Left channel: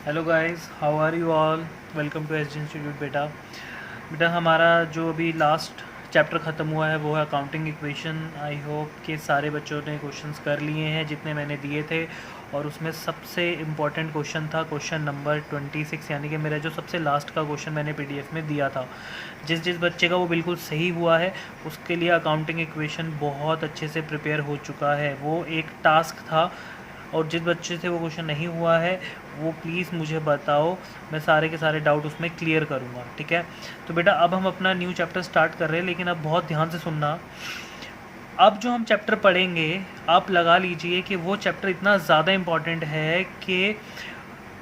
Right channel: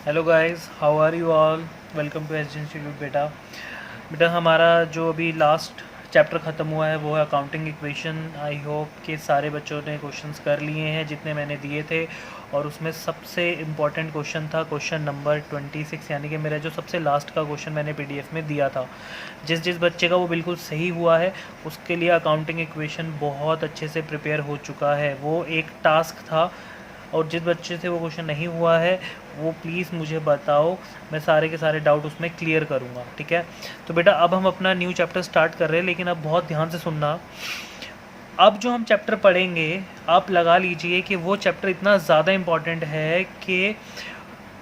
Hello guys, how are you all. Welcome to S institute. बेटा हमारा जो अभी लास्ट चैप्टर ख़त्म हुआ है वो है अकाउंटिंग इक्वेशन। आई होप कि सारे बच्चों ने क्वेश्चंस कर लिए हैं जितने मैंने दिए थे, और उसमें सबसे इम्पॉर्टेंट क्वेश्चन था क्वेश्चन नंबर 26, यानी कि मेरा जो सबसे लास्ट का क्वेश्चन मैंने पीडीएफ में दिया था। जिस जिस बच्चे का वो बिल्कुल सही हुआ है उसके लिए अकाउंटिंग इक्वेशन बहुत अच्छे से प्रिपेयर हो चुका है। वो एक टास्क था, और जिस बच्चे से वो क्वेश्चन नहीं हुआ है वो प्लीज़ मुझे बताओ, मैं सारे के सारे डाउट उसमें क्लियर करूँगा। ठीक है, तो बेटा अब हम अपना न्यू चैप्टर स्टार्ट कर रहे हैं, लेकिन अब बहुत ध्यान से सुनना। अब जो हम चैप्टर पढ़ेंगे आप लगा लीजिए कि वो चैप्टर इतना ज़्यादा इम्पॉर्टेंट है कि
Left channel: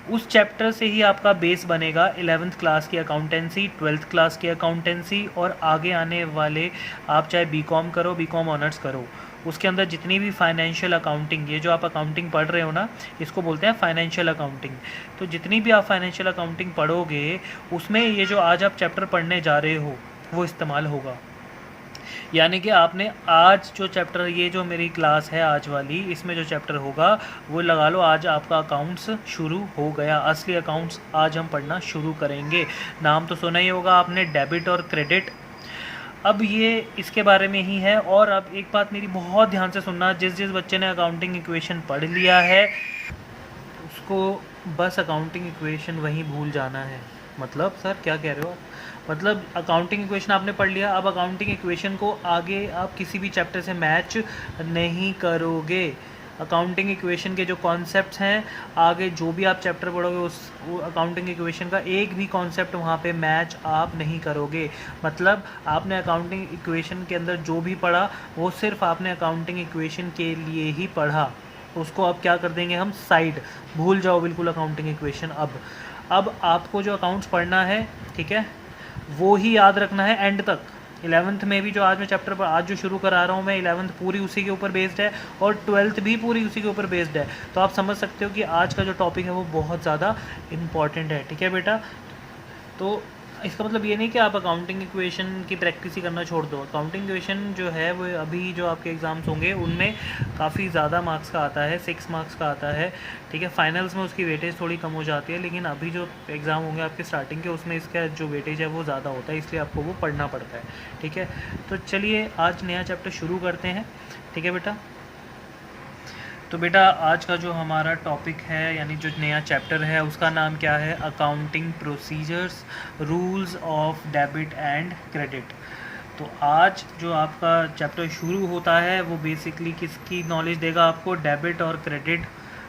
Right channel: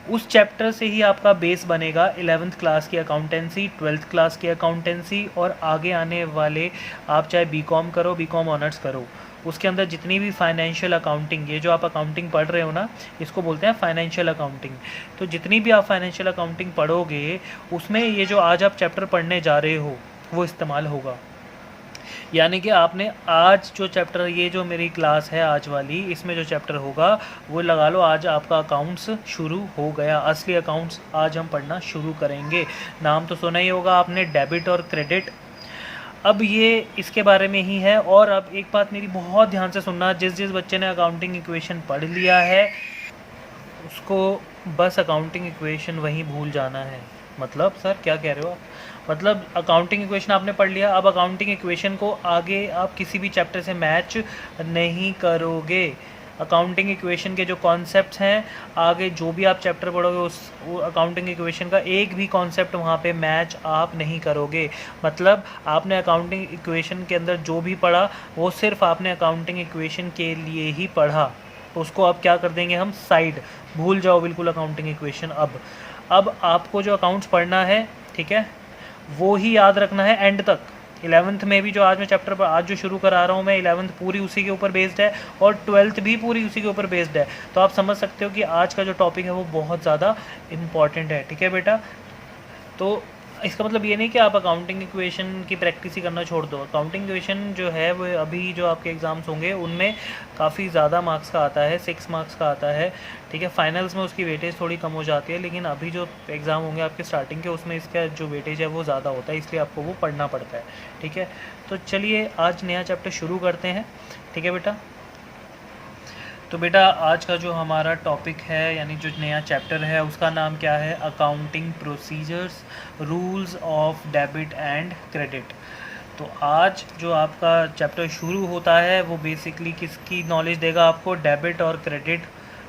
उस चैप्टर से ही आपका बेस बनेगा 11th क्लास की अकाउंटेंसी, 12th क्लास की अकाउंटेंसी, और आगे आने वाले आप चाहे बीकॉम करो, बीकॉम ऑनर्स करो, उसके अंदर जितनी भी फाइनेंशियल अकाउंटिंग, ये जो आप अकाउंटिंग पढ़ रहे हो ना, इसको बोलते हैं फाइनेंशियल अकाउंटिंग। तो जितनी भी आप फाइनेंशियल अकाउंटिंग पढ़ोगे उसमें ये जो आज आप चैप्टर पढ़ने जा रहे हो वो इस्तेमाल होगा। यानी कि आपने आज जो चैप्टर, ये जो मेरी क्लास है आज वाली, इसमें जो चैप्टर होगा वो लगा लो आज आपका अकाउंट्स शुरू हो गया। असली अकाउंट्स आज हम पढ़ना शुरू करेंगे। नाम तो सुना ही होगा आपने, डेबिट और क्रेडिट। अब ये इसके बारे में ही है। और अब एक बात मेरी बहुत ध्यान से सुनना, जिस जिस बच्चे ने अकाउंटिंग इक्वेशन पढ़ लिया है उसको बस अकाउंटिंग इक्वेशन वहीं भूल जाना है। मतलब सर क्या कह रहे हो आप? मतलब अकाउंटिंग इक्वेशन आपने पढ़ लिया, अब अकाउंटिंग इक्वेशन को आगे आप किसी भी चैप्टर से मैच नहीं करोगे। अकाउंटिंग इक्वेशन के जो कॉन्सेप्ट्स हैं, आगे जो भी आप चैप्टर पढ़ोगे उस अकाउंटिंग इक्वेशन का एक भी कॉन्सेप्ट वहाँ पे मैच आप नहीं करोगे। मतलब आपने अकाउंटिंग इक्वेशन के अंदर जो भी पढ़ा वो सिर्फ आपने अकाउंटिंग इक्वेशन के लिए ही पढ़ा, उसको अब क्या कर देंगे हम, साइड, भूल जाओ बिल्कुल अकाउंटिंग इक्वेशन। अब आपको जो अकाउंट्स पढ़ना है, ठीक है, वो ही याद रखना है एंड तक। 11th में भी जो आज मैं चैप्टर पर आज जो शुरू करा रहा हूँ मैं, 11th पूरी उसी के ऊपर बेस्ड है, और 12th भी पूरी उसी के ऊपर बेस्ड है। तो आप समझ सकते हो कि आज का जो टॉपिक है वो बहुत ज़्यादा इम्पॉर्टेंट है। ठीक है बेटा, तो इसका मतलब ये नहीं कि आप अकाउंटिंग इक्वेशन की प्रैक्टिस ही करना छोड़ दो। अकाउंटिंग इक्वेशन जो है वो अभी जो आपके एग्ज़ाम्स होंगे उनमें काफ़ी ज़्यादा मार्क्स का आता है, 6 मार्क्स का आता है। ठीक है, फाइनल्स में उसकी वेटेज थोड़ी कम हो जाती है, लेकिन अभी जो एग्ज़ाम होंगे आपके स्टार्टिंग के उसमें इसका जो वेटेज है वो ज़्यादा होता है, इसलिए आपको वो पढ़ना पड़ता है। ठीक है, तो चलिए आज नया चैप्टर शुरू करते हैं। ठीक है बेटा, तो बेटा आज का जो हमारा टॉपिक है, यानी जो नया चैप्टर है, उसका नाम क्या है, accounting procedures, rules of debit and credit. तो आज जो आपका चैप्टर शुरू होता है वो बेसिकली किसकी नॉलेज देगा आपको, डेबिट और क्रेडिट।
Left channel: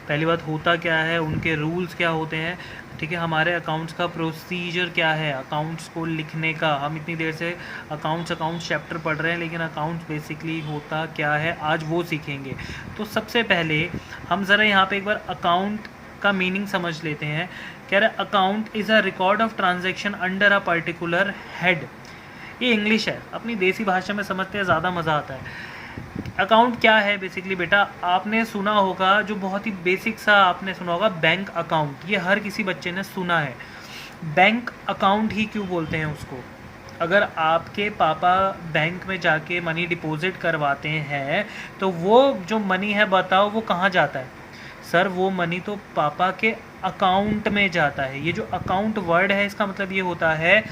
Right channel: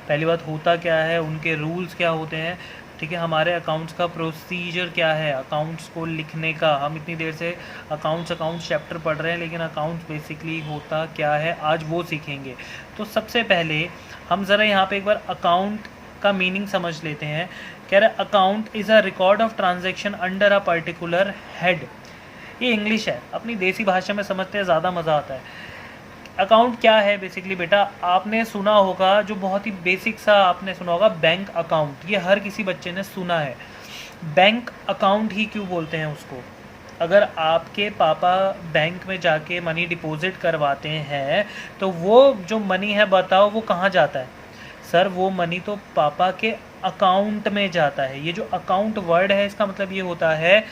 पहली बात होता क्या है, उनके रूल्स क्या होते हैं, ठीक है, हमारे अकाउंट्स का प्रोसीजर क्या है, अकाउंट्स को लिखने का। हम इतनी देर से अकाउंट्स चैप्टर पढ़ रहे हैं, लेकिन अकाउंट्स बेसिकली होता क्या है आज वो सीखेंगे। तो सबसे पहले हम ज़रा यहाँ पे एक बार अकाउंट का मीनिंग समझ लेते हैं। कह रहे account is a record of transaction under a particular head. ये इंग्लिश है, अपनी देसी भाषा में समझते हैं ज़्यादा मज़ा आता है। अकाउंट क्या है बेसिकली बेटा, आपने सुना होगा, जो बहुत ही बेसिक सा आपने सुना होगा, बैंक अकाउंट। ये हर किसी बच्चे ने सुना है। बैंक अकाउंट ही क्यों बोलते हैं उसको? अगर आपके पापा बैंक में जाके मनी डिपॉजिट करवाते हैं तो वो जो मनी है बताओ वो कहाँ जाता है? सर वो मनी तो पापा के अकाउंट में जाता है। ये जो अकाउंट वर्ड है इसका मतलब ये होता है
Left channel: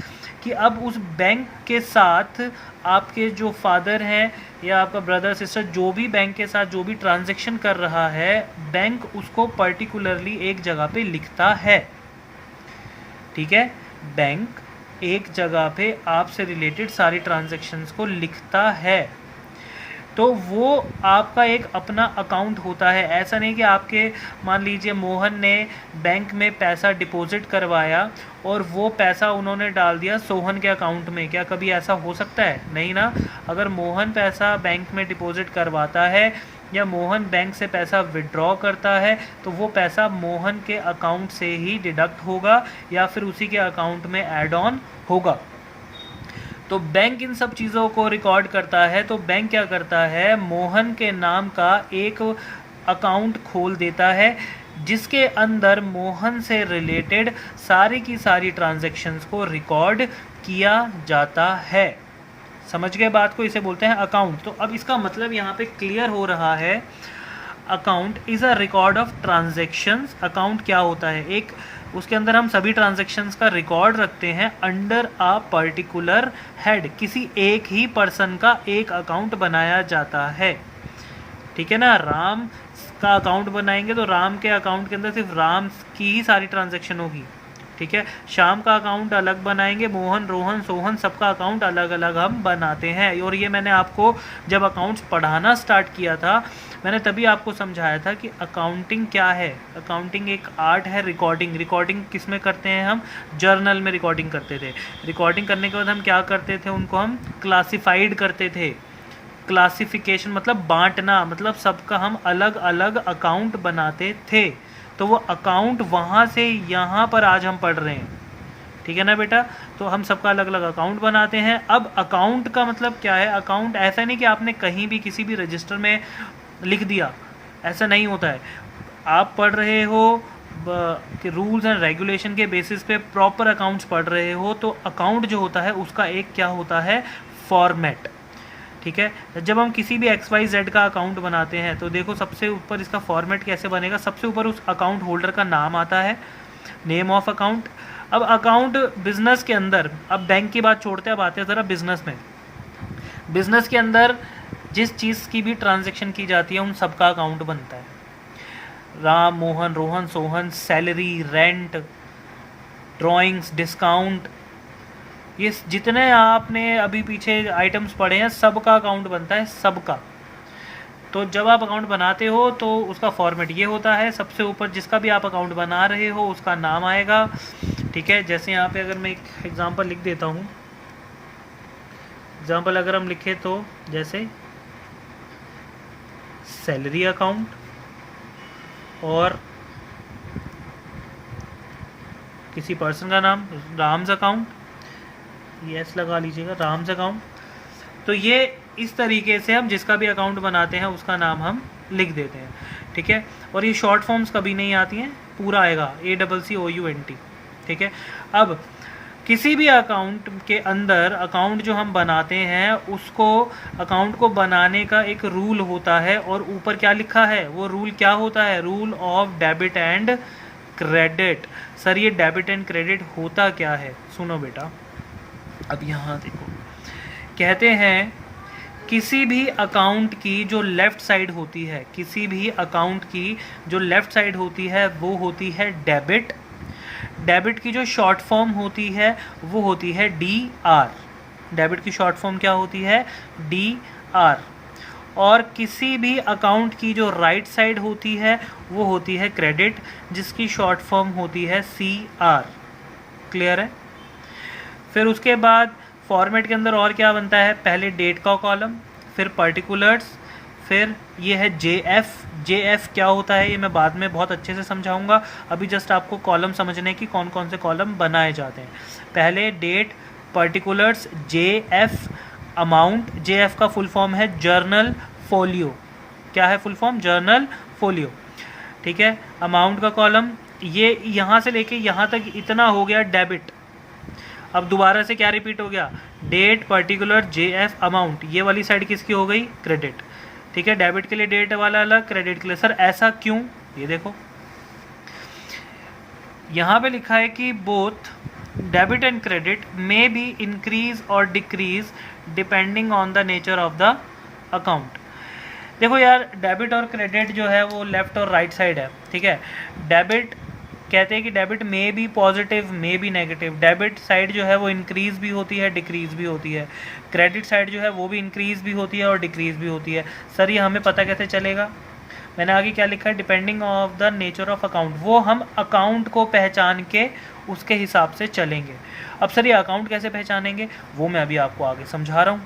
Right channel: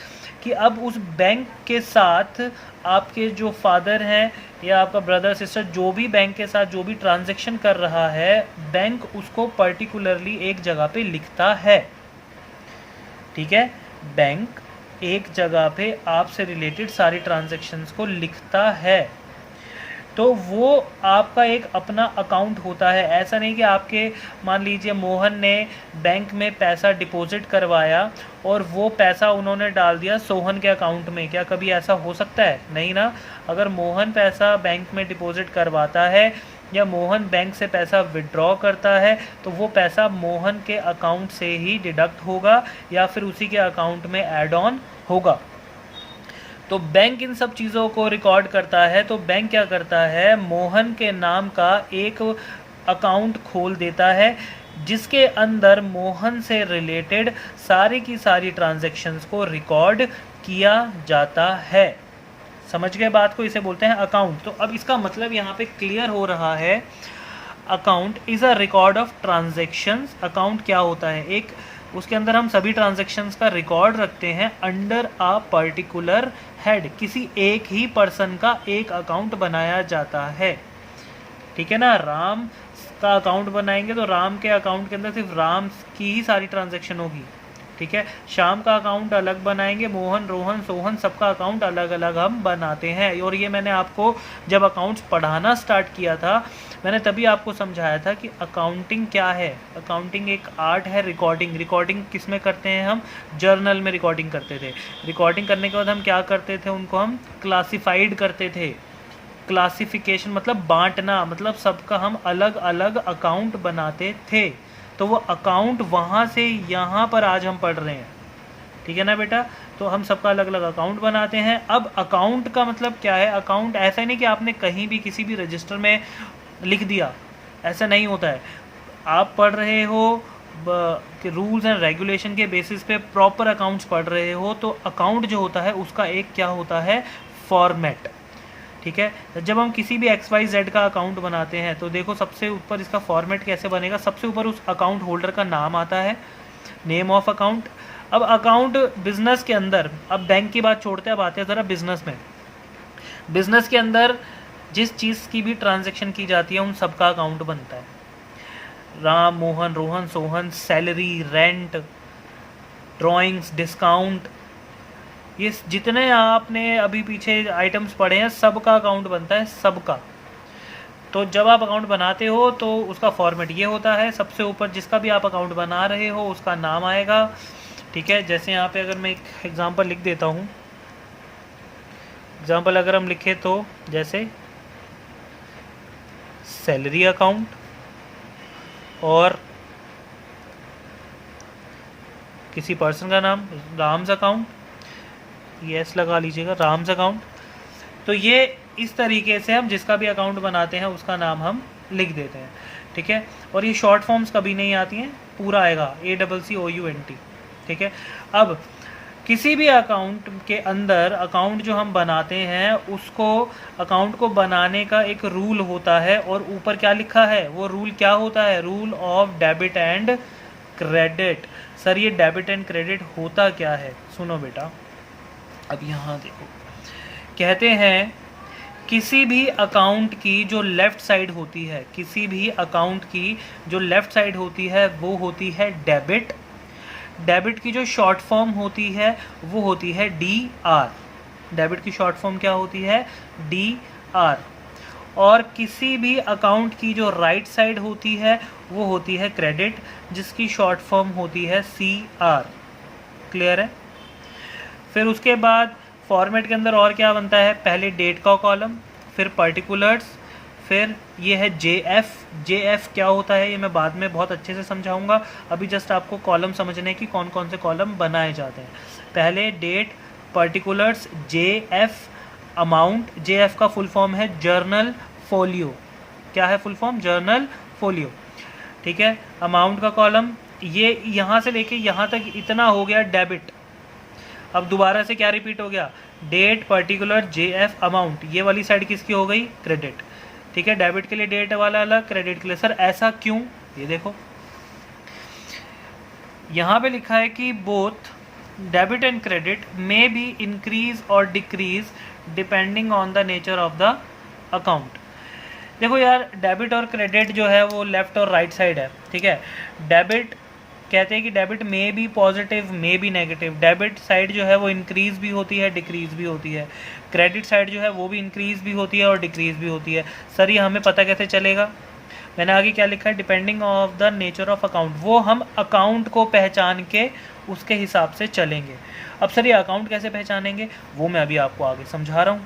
कि अब उस बैंक के साथ आपके जो फादर हैं या आपका ब्रदर सिस्टर, जो भी बैंक के साथ जो भी ट्रांजैक्शन कर रहा है, बैंक उसको पर्टिकुलरली एक जगह पे लिखता है। ठीक है, बैंक एक जगह पे आपसे रिलेटेड सारी ट्रांजैक्शंस को लिखता है, तो वो आपका एक अपना अकाउंट होता है। ऐसा नहीं कि आपके, मान लीजिए मोहन ने बैंक में पैसा डिपॉजिट करवाया और वो पैसा उन्होंने डाल दिया सोहन के अकाउंट में, क्या कभी ऐसा हो सकता है? नहीं ना। अगर मोहन पैसा बैंक में डिपॉजिट करवाता है या मोहन बैंक से पैसा विड्रॉ करता है तो वो पैसा मोहन के अकाउंट से ही डिडक्ट होगा या फिर उसी के अकाउंट में ऐड ऑन होगा। तो बैंक इन सब चीज़ों को रिकॉर्ड करता है। तो बैंक क्या करता है, मोहन के नाम का एक अकाउंट खोल देता है जिसके अंदर मोहन से रिलेटेड सारी की सारी ट्रांजैक्शंस को रिकॉर्ड किया जाता है। समझ गए बात को? इसे बोलते हैं अकाउंट। तो अब इसका मतलब यहाँ पे क्लियर हो रहा है, account is a record of transactions. Account क्या होता है? एक उसके अंदर हम सभी ट्रांजेक्शन्स का रिकॉर्ड रखते हैं अंडर अ पर्टिकुलर हेड। किसी एक ही पर्सन का एक अकाउंट बनाया जाता है, ठीक है ना। राम का अकाउंट बनाएंगे तो राम के अकाउंट के अंदर सिर्फ राम की ही सारी ट्रांजैक्शन होगी, ठीक है। श्याम का अकाउंट अलग बनाएंगे, मोहन, रोहन, सोहन सबका अकाउंट अलग अलग हम बनाते हैं। और ये मैंने आपको जब अकाउंट्स पढ़ाना स्टार्ट किया था, मैंने तभी आपको समझाया था कि अकाउंटिंग क्या है। अकाउंटिंग एक आर्ट है। रिकॉर्डिंग किस में करते हैं हम? जर्नल में रिकॉर्डिंग करते थे। रिकॉर्डिंग करने के बाद हम क्या करते थे? उनको हम क्लासिफाइड करते थे। क्लासिफिकेशन मतलब बांटना, मतलब सबका हम अलग अलग अकाउंट बनाते थे। तो वो अकाउंट वहाँ से यहाँ पर आज हम पढ़ रहे हैं, ठीक है ना बेटा। तो हम सबका अलग अलग अकाउंट बनाते हैं। अब अकाउंट का मतलब क्या है? अकाउंट ऐसा नहीं कि आपने कहीं भी किसी भी रजिस्टर में लिख दिया, ऐसा नहीं होता है। आप पढ़ रहे हो कि रूल्स एंड रेगुलेशन के बेसिस पे प्रॉपर अकाउंट्स पढ़ रहे हो, तो अकाउंट जो होता है उसका एक क्या होता है? फॉर्मेट, ठीक है। जब हम किसी भी XYZ का अकाउंट बनाते हैं तो देखो सबसे ऊपर इसका फॉर्मेट कैसे बनेगा? सबसे ऊपर उस अकाउंट होल्डर का नाम आता है, नेम ऑफ अकाउंट। अब अकाउंट बिजनेस के अंदर, अब बैंक की बात छोड़ते हैं, अब आते हैं ज़रा बिजनेस में। बिजनेस के अंदर जिस चीज़ की भी ट्रांजेक्शन की जाती है उन सबका अकाउंट बनता है। Ram, Mohan, Rohan, Sohan, salary, rent, drawings, discount, ये जितने आपने अभी पीछे आइटम्स पढ़े हैं सबका अकाउंट बनता है, सबका। तो जब आप अकाउंट बनाते हो तो उसका फॉर्मेट ये होता है। सबसे ऊपर जिसका भी आप अकाउंट बना रहे हो उसका नाम आएगा, ठीक है। जैसे यहाँ पे अगर मैं एक एग्जांपल लिख देता हूँ, एग्जांपल अगर हम लिखे तो जैसे सैलरी अकाउंट और किसी पर्सन का नाम राम्स अकाउंट, यस लगा लीजिएगा, राम्स अकाउंट। तो ये इस तरीके से हम जिसका भी अकाउंट बनाते हैं उसका नाम हम लिख देते हैं, ठीक है। और ये शॉर्ट फॉर्म्स कभी नहीं आती हैं, पूरा आएगा ACCOUNT, ठीक है। अब किसी भी अकाउंट के अंदर अकाउंट जो हम बनाते हैं उसको, अकाउंट को बनाने का एक रूल होता है और ऊपर क्या लिखा है? वो रूल क्या होता है? Rule of debit and credit. Sir ये डेबिट एंड क्रेडिट होता क्या है? सुनो बेटा, अब यहाँ देखो, कहते हैं किसी भी अकाउंट की जो लेफ्ट साइड होती है, किसी भी अकाउंट की जो लेफ्ट साइड होती है वो होती है डेबिट। डेबिट की जो शॉर्ट फॉर्म होती है वो होती है DR। डेबिट की शॉर्ट फॉर्म क्या होती है? DR। और किसी भी अकाउंट की जो राइट साइड होती है वो होती है क्रेडिट, जिसकी शॉर्ट फॉर्म होती है CR। क्लियर है? फिर उसके बाद फॉर्मेट के अंदर और क्या बनता है? पहले डेट का कॉलम, फिर पर्टिकुलर्स, फिर ये है JF। JF क्या होता है ये मैं बाद में बहुत अच्छे से समझाऊंगा, अभी जस्ट आपको कॉलम समझने की कौन कौन से कॉलम बनाए जाते हैं। पहले date, particulars, JF, amount. JF का फुल फॉर्म है जर्नल फोलियो। क्या है फुल फॉर्म? जर्नल फोलियो, ठीक है। अमाउंट का कॉलम, ये यहाँ से लेके यहाँ तक इतना हो गया डेबिट। अब दोबारा से क्या रिपीट हो गया? Date, particular, JF, amount. ये वाली साइड किसकी हो गई? क्रेडिट, ठीक है। डेबिट के लिए डेट वाला अलग, क्रेडिट के लिए। सर ऐसा क्यों? ये देखो यहाँ पे लिखा है कि both debit and credit may be increase और decrease depending on the nature of the account. देखो यार, डेबिट और क्रेडिट जो है वो लेफ्ट और राइट साइड है, ठीक है। डेबिट कहते हैं कि डेबिट में भी पॉजिटिव, में भी नेगेटिव। डेबिट साइड जो है वो इंक्रीज भी होती है, डिक्रीज भी होती है। क्रेडिट साइड जो है वो भी इंक्रीज भी होती है और डिक्रीज भी होती है। सर ये हमें पता कैसे चलेगा? मैंने आगे क्या लिखा है? Depending of the nature of account. वो हम अकाउंट को पहचान के उसके हिसाब से चलेंगे। अब सर ये अकाउंट कैसे पहचानेंगे वो मैं अभी आपको आगे समझा रहा हूँ,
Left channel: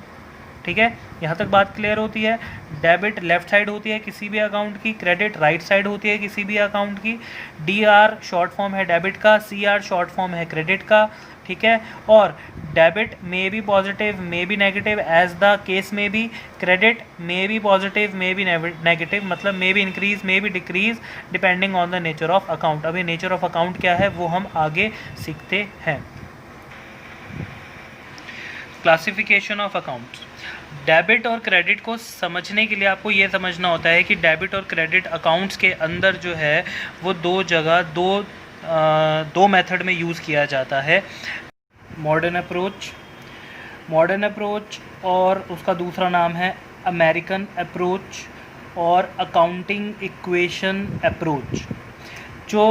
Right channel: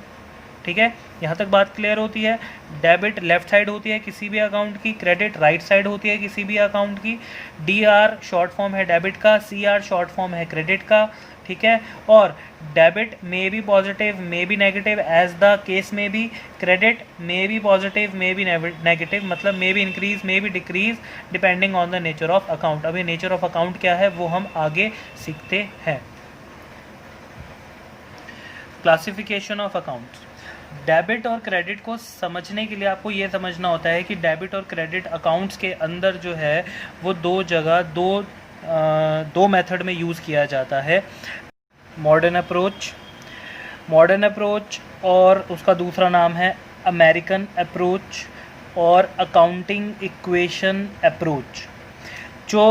ठीक है। यहाँ तक बात क्लियर होती है? डेबिट लेफ्ट साइड होती है किसी भी अकाउंट की, क्रेडिट राइट साइड होती है किसी भी अकाउंट की। DR शॉर्ट फॉर्म है डेबिट का, CR शॉर्ट फॉर्म है क्रेडिट का, ठीक है। और डेबिट में भी पॉजिटिव, में भी नेगेटिव, एज द केस में भी। क्रेडिट में भी पॉजिटिव, में भी नेगेटिव, मतलब में भी इंक्रीज, में भी decrease, depending on the nature of account. अभी नेचर ऑफ अकाउंट क्या है वो हम आगे सीखते हैं। Classification of accounts. डेबिट और क्रेडिट को समझने के लिए आपको ये समझना होता है कि डेबिट और क्रेडिट अकाउंट्स के अंदर जो है वो दो मेथड में यूज़ किया जाता है। मॉडर्न अप्रोच और उसका दूसरा नाम है अमेरिकन अप्रोच और अकाउंटिंग इक्वेशन अप्रोच। जो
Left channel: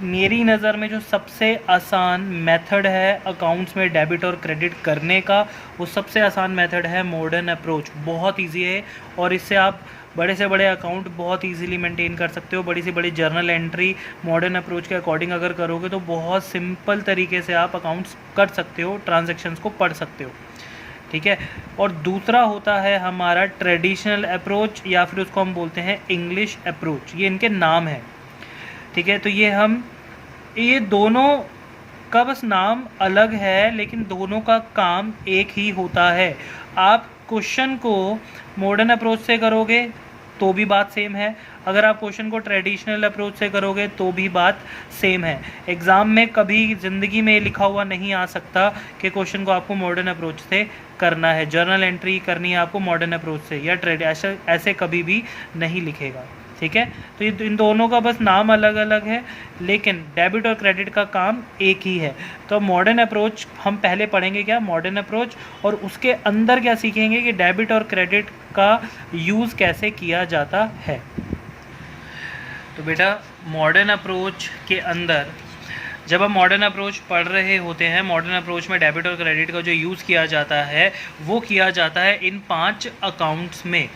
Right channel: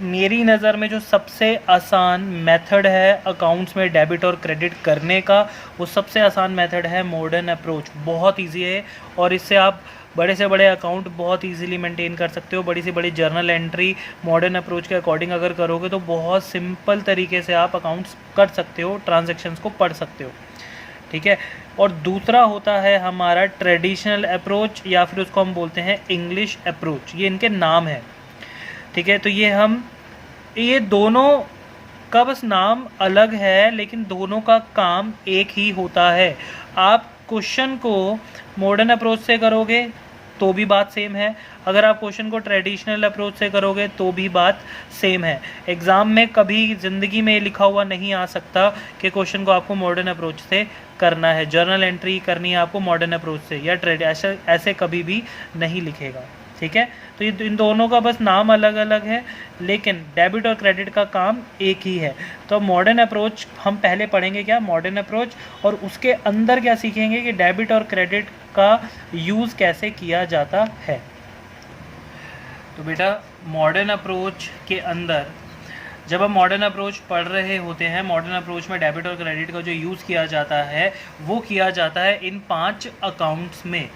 मेरी नज़र में जो सबसे आसान मेथड है अकाउंट्स में डेबिट और क्रेडिट करने का, वो सबसे आसान मेथड है मॉडर्न अप्रोच। बहुत इजी है और इससे आप बड़े से बड़े अकाउंट बहुत इजीली मेंटेन कर सकते हो। बड़ी से बड़ी जर्नल एंट्री मॉडर्न अप्रोच के अकॉर्डिंग अगर करोगे तो बहुत सिंपल तरीके से आप अकाउंट्स कर सकते हो, ट्रांजैक्शंस को पढ़ सकते हो, ठीक है। और दूसरा होता है हमारा ट्रेडिशनल अप्रोच या फिर उसको हम बोलते हैं इंग्लिश अप्रोच। ये इनके नाम है, ठीक है। तो ये दोनों का बस नाम अलग है लेकिन दोनों का काम एक ही होता है। आप क्वेश्चन को मॉडर्न अप्रोच से करोगे तो भी बात सेम है, अगर आप क्वेश्चन को ट्रेडिशनल अप्रोच से करोगे तो भी बात सेम है। एग्ज़ाम में कभी ज़िंदगी में लिखा हुआ नहीं आ सकता कि क्वेश्चन को आपको मॉडर्न अप्रोच से करना है, जर्नल एंट्री करनी है आपको मॉडर्न अप्रोच से या ऐसे कभी भी नहीं लिखेगा, ठीक है। तो ये इन दोनों का बस नाम अलग अलग है लेकिन डेबिट और क्रेडिट का काम एक ही है। तो मॉडर्न अप्रोच हम पहले पढ़ेंगे क्या, मॉडर्न अप्रोच, और उसके अंदर क्या सीखेंगे कि डेबिट और क्रेडिट का यूज़ कैसे किया जाता है। तो बेटा मॉडर्न अप्रोच के अंदर जब हम मॉडर्न अप्रोच पढ़ रहे होते हैं, मॉडर्न अप्रोच में डेबिट और क्रेडिट का जो यूज़ किया जाता है वो किया जाता है इन 5 अकाउंट्स में:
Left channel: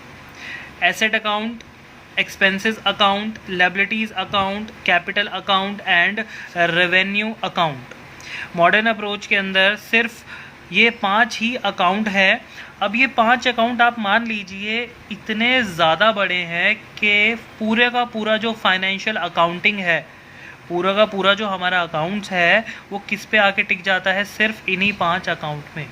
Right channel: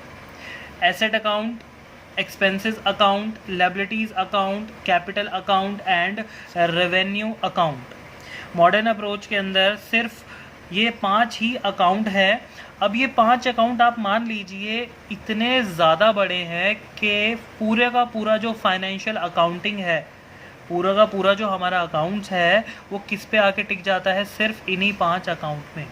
asset account, expenses account, liabilities account, capital account and revenue account. Modern approach के अंदर सिर्फ ये 5 ही अकाउंट है। अब ये 5 अकाउंट आप मान लीजिए इतने ज़्यादा बड़े हैं कि पूरे का पूरा जो फाइनेंशियल अकाउंटिंग है, पूरा का पूरा जो हमारा अकाउंट्स है वो किस पे आके टिक जाता है, सिर्फ इन्हीं 5 अकाउंट में।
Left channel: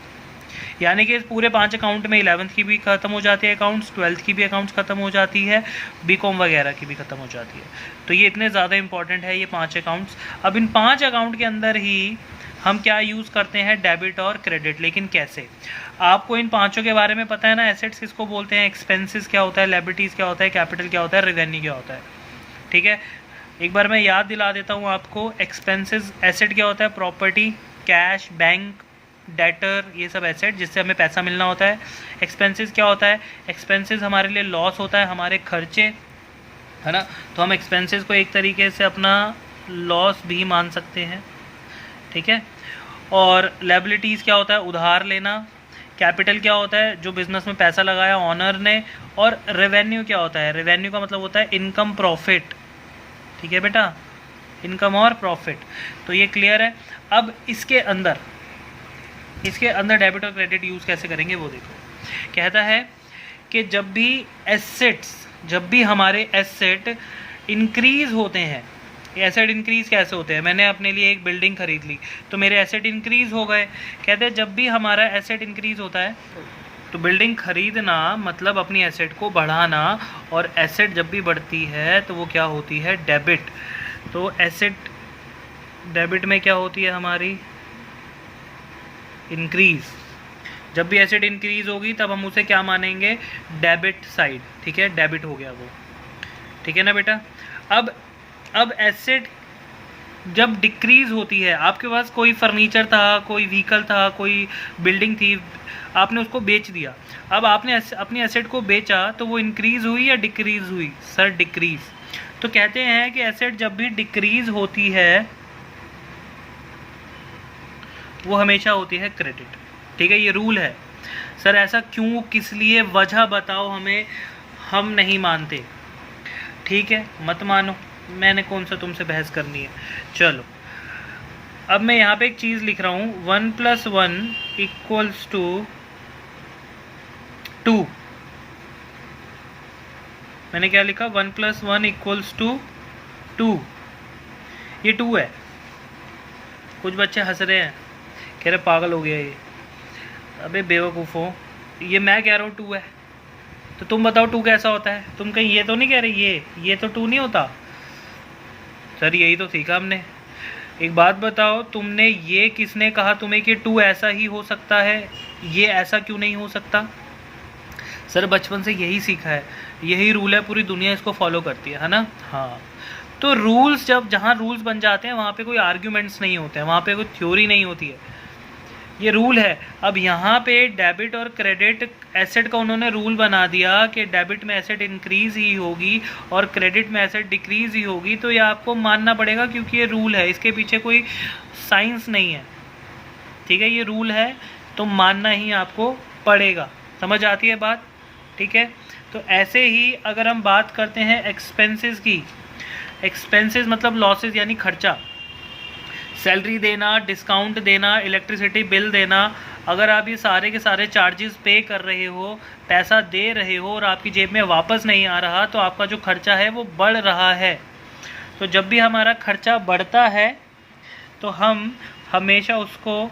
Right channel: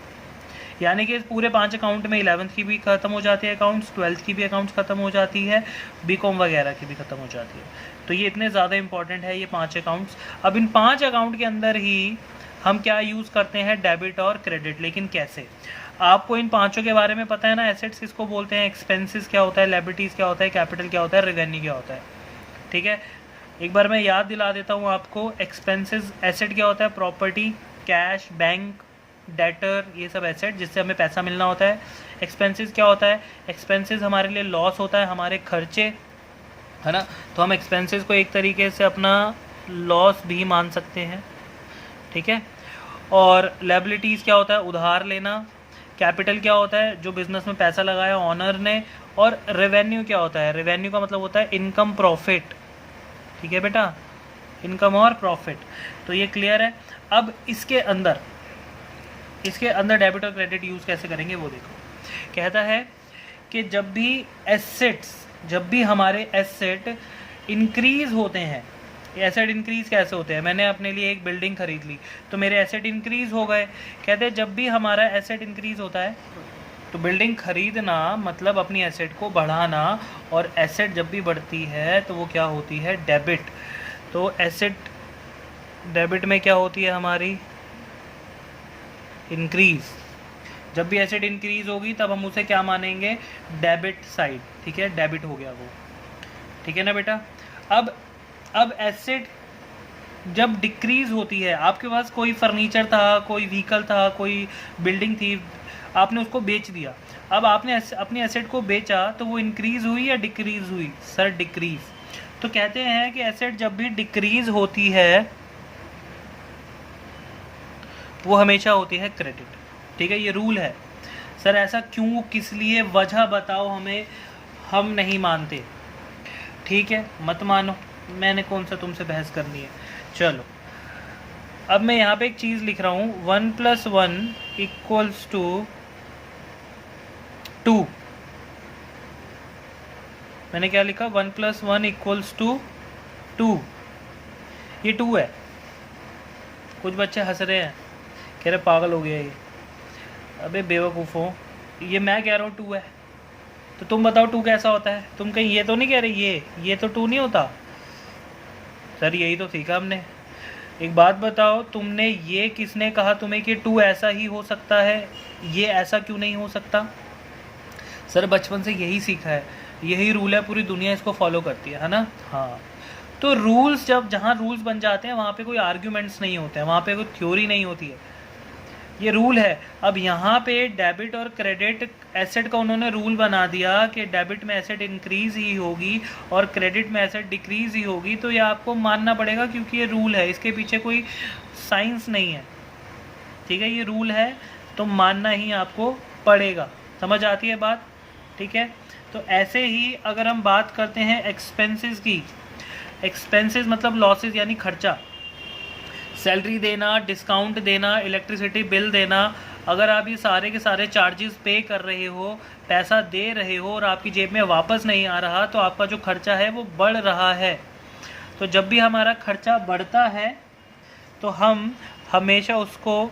यानी कि इस पूरे 5 अकाउंट में 11th की भी ख़त्म हो जाती है अकाउंट्स, 12th की भी अकाउंट्स ख़त्म हो जाती है, बीकॉम वगैरह की भी ख़त्म हो जाती है। तो ये इतने ज़्यादा इंपॉर्टेंट है ये 5 अकाउंट्स। अब इन 5 अकाउंट के अंदर ही हम क्या यूज़ करते हैं, डेबिट और क्रेडिट। लेकिन कैसे, आपको इन पाँचों के बारे में पता है ना, एसेट्स किसको बोलते हैं, एक्सपेंसेस क्या होता है, लायबिलिटीज़ क्या होता है, कैपिटल क्या होता है, रेवेन्यू क्या होता है, ठीक है। एक बार मैं याद दिला देता हूँ आपको। एक्सपेंसेस, एसेट क्या होता है, प्रॉपर्टी, कैश, बैंक, डेटर, ये सब एसेट जिससे हमें पैसा मिलना होता है। एक्सपेंसेस क्या होता है, एक्सपेंसेस हमारे लिए लॉस होता है, हमारे खर्चे, है ना। तो हम एक्सपेंसेस को एक तरीके से अपना लॉस भी मान सकते हैं, ठीक है। और लायबिलिटीज़ क्या होता है, उधार लेना। कैपिटल क्या होता है, जो बिजनेस में पैसा लगाया ऑनर ने। और रेवेन्यू क्या होता है, रेवेन्यू का मतलब होता है इनकम, प्रॉफिट, ठीक है बेटा, इनकम और प्रॉफिट। तो ये क्लियर है। अब इसके अंदर डेबिट और क्रेडिट यूज़ कैसे करेंगे वो देखो। कहता है कि जब भी हमारे एसेट इंक्रीज होते हैं, एसेट इंक्रीज कैसे होते हैं, मैंने अपने लिए एक बिल्डिंग खरीद ली तो मेरे एसेट इंक्रीज हो गए। कहते हैं जब भी हमारा एसेट इंक्रीज होता है तो बिल्डिंग खरीदना मतलब अपनी एसेट को बढ़ाना, और एसेट जब भी बढ़ती है तो वो क्या होती है, डेबिट। तो एसेट डेबिट में क्या होती है हमारी, इंक्रीज। जब भी एसेट इंक्रीज होगी तब हम उसे क्या मानेंगे, डेबिट साइड, ठीक है, डेबिट हो गया वो, ठीक है ना बेटा। अब एसेट जब डिक्रीज होती है, आपके पास कोई फर्नीचर था, कोई व्हीकल था, कोई बिल्डिंग थी, आपने उसको बेच दिया। अब आपने अपनी एसेट को बेचा तो वो इंक्रीज हुई या डिक्रीज हुई, सर डिक्रीज। तो कहते हैं कि एसेट जब भी डिक्रीज होती है वो हमेशा होती है क्रेडिट, ठीक है, ये रूल है। सर ऐसा क्यों, किस लिए, वजह बताओ हमें, हम नहीं मानते, ठीक है, मत मानो, मैंने कौन सा तुमसे बहस करनी है। चलो अब मैं यहाँ पे एक चीज़ लिख रहा हूँ, 1 + 1 = 2। मैंने क्या लिखा, 1 + 1 = 2। ये 2 है। कुछ बच्चे हंस रहे हैं, कह रहे पागल हो गया ये। अबे बेवकूफ़ हो, ये मैं कह रहा हूँ 2 है, तो तुम बताओ 2 कैसा होता है। तुम कहीं ये तो नहीं कह रहे ये तो 2 नहीं होता। सर यही तो सीखा हमने। एक बात बताओ, तुमने ये किसने कहा तुम्हें कि 2 ऐसा ही हो सकता है, ये ऐसा क्यों नहीं हो सकता, सर बचपन से यही सीखा है, यही रूल है, पूरी दुनिया इसको फॉलो करती है ना। हाँ, तो रूल्स जहाँ रूल्स बन जाते हैं वहाँ पे कोई आर्ग्यूमेंट्स नहीं होते हैं, वहाँ पे कोई थ्योरी नहीं होती है, ये रूल है। अब यहाँ पे डेबिट और क्रेडिट एसेट का उन्होंने रूल बना दिया कि डेबिट में एसेट इंक्रीज ही होगी और क्रेडिट में एसेट डिक्रीज ही होगी, तो ये आपको मानना पड़ेगा क्योंकि ये रूल है, इसके पीछे कोई साइंस नहीं है, ठीक है, ये रूल है तो मानना ही आपको पड़ेगा। समझ आती है बात, ठीक है। तो ऐसे ही अगर हम बात करते हैं एक्सपेंसेस की, एक्सपेंसेस मतलब लॉसेस यानी खर्चा, सैलरी देना, डिस्काउंट देना, इलेक्ट्रिसिटी बिल देना, अगर आप ये सारे के सारे चार्जेस पे कर रहे हो, पैसा दे रहे हो और आपकी जेब में वापस नहीं आ रहा, तो आपका जो खर्चा है वो बढ़ रहा है। तो जब भी हमारा खर्चा बढ़ता है तो हम हमेशा उसको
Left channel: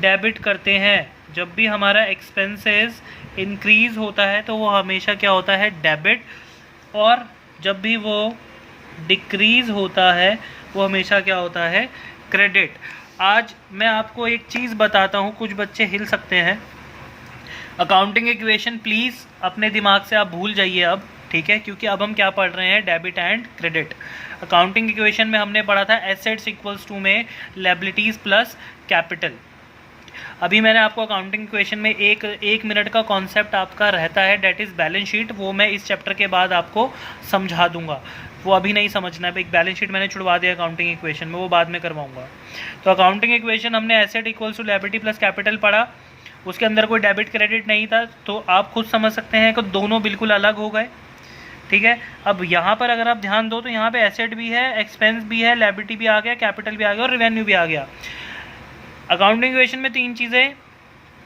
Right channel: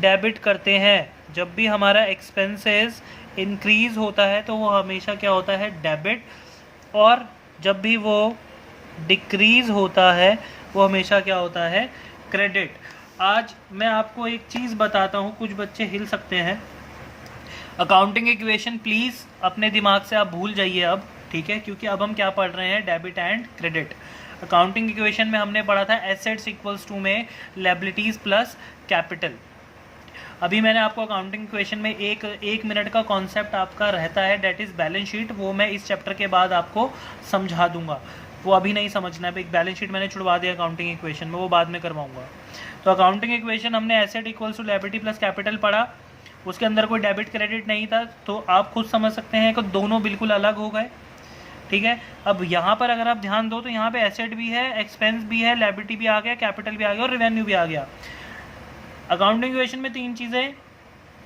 डेबिट करते हैं, जब भी हमारा एक्सपेंसेस इंक्रीज़ होता है तो वो हमेशा क्या होता है, डेबिट, और जब भी वो डिक्रीज़ होता है वो हमेशा क्या होता है, क्रेडिट। आज मैं आपको एक चीज़ बताता हूँ, कुछ बच्चे हिल सकते हैं। अकाउंटिंग इक्वेशन प्लीज़ अपने दिमाग से आप भूल जाइए अब, ठीक है, क्योंकि अब हम क्या पढ़ रहे हैं, debit and credit. Accounting equation में हमने पढ़ा था एसेट्स इक्वल्स टू में लायबिलिटीज़ प्लस कैपिटल। अभी मैंने आपको अकाउंटिंग इक्वेशन में एक मिनट का कॉन्सेप्ट आपका रहता है, डेट इज़ बैलेंस शीट, वो मैं इस चैप्टर के बाद आपको समझा दूंगा, वो अभी नहीं समझना है। एक बैलेंस शीट मैंने छुड़वा दिया अकाउंटिंग इक्वेशन में, वो बाद में करवाऊंगा। तो अकाउंटिंग इक्वेशन हमने asset equals to liability plus capital पढ़ा, उसके अंदर कोई डेबिट क्रेडिट नहीं था, तो आप खुद समझ सकते हैं कि दोनों बिल्कुल अलग हो गए, ठीक है। अब यहाँ पर अगर आप ध्यान दो तो यहाँ पे एसेट भी है, एक्सपेंस भी है, लायबिलिटी भी आ गया, कैपिटल भी आ गया और रेवेन्यू भी आ गया। अकाउंटिंग इक्वेशन में 3 चीज़ें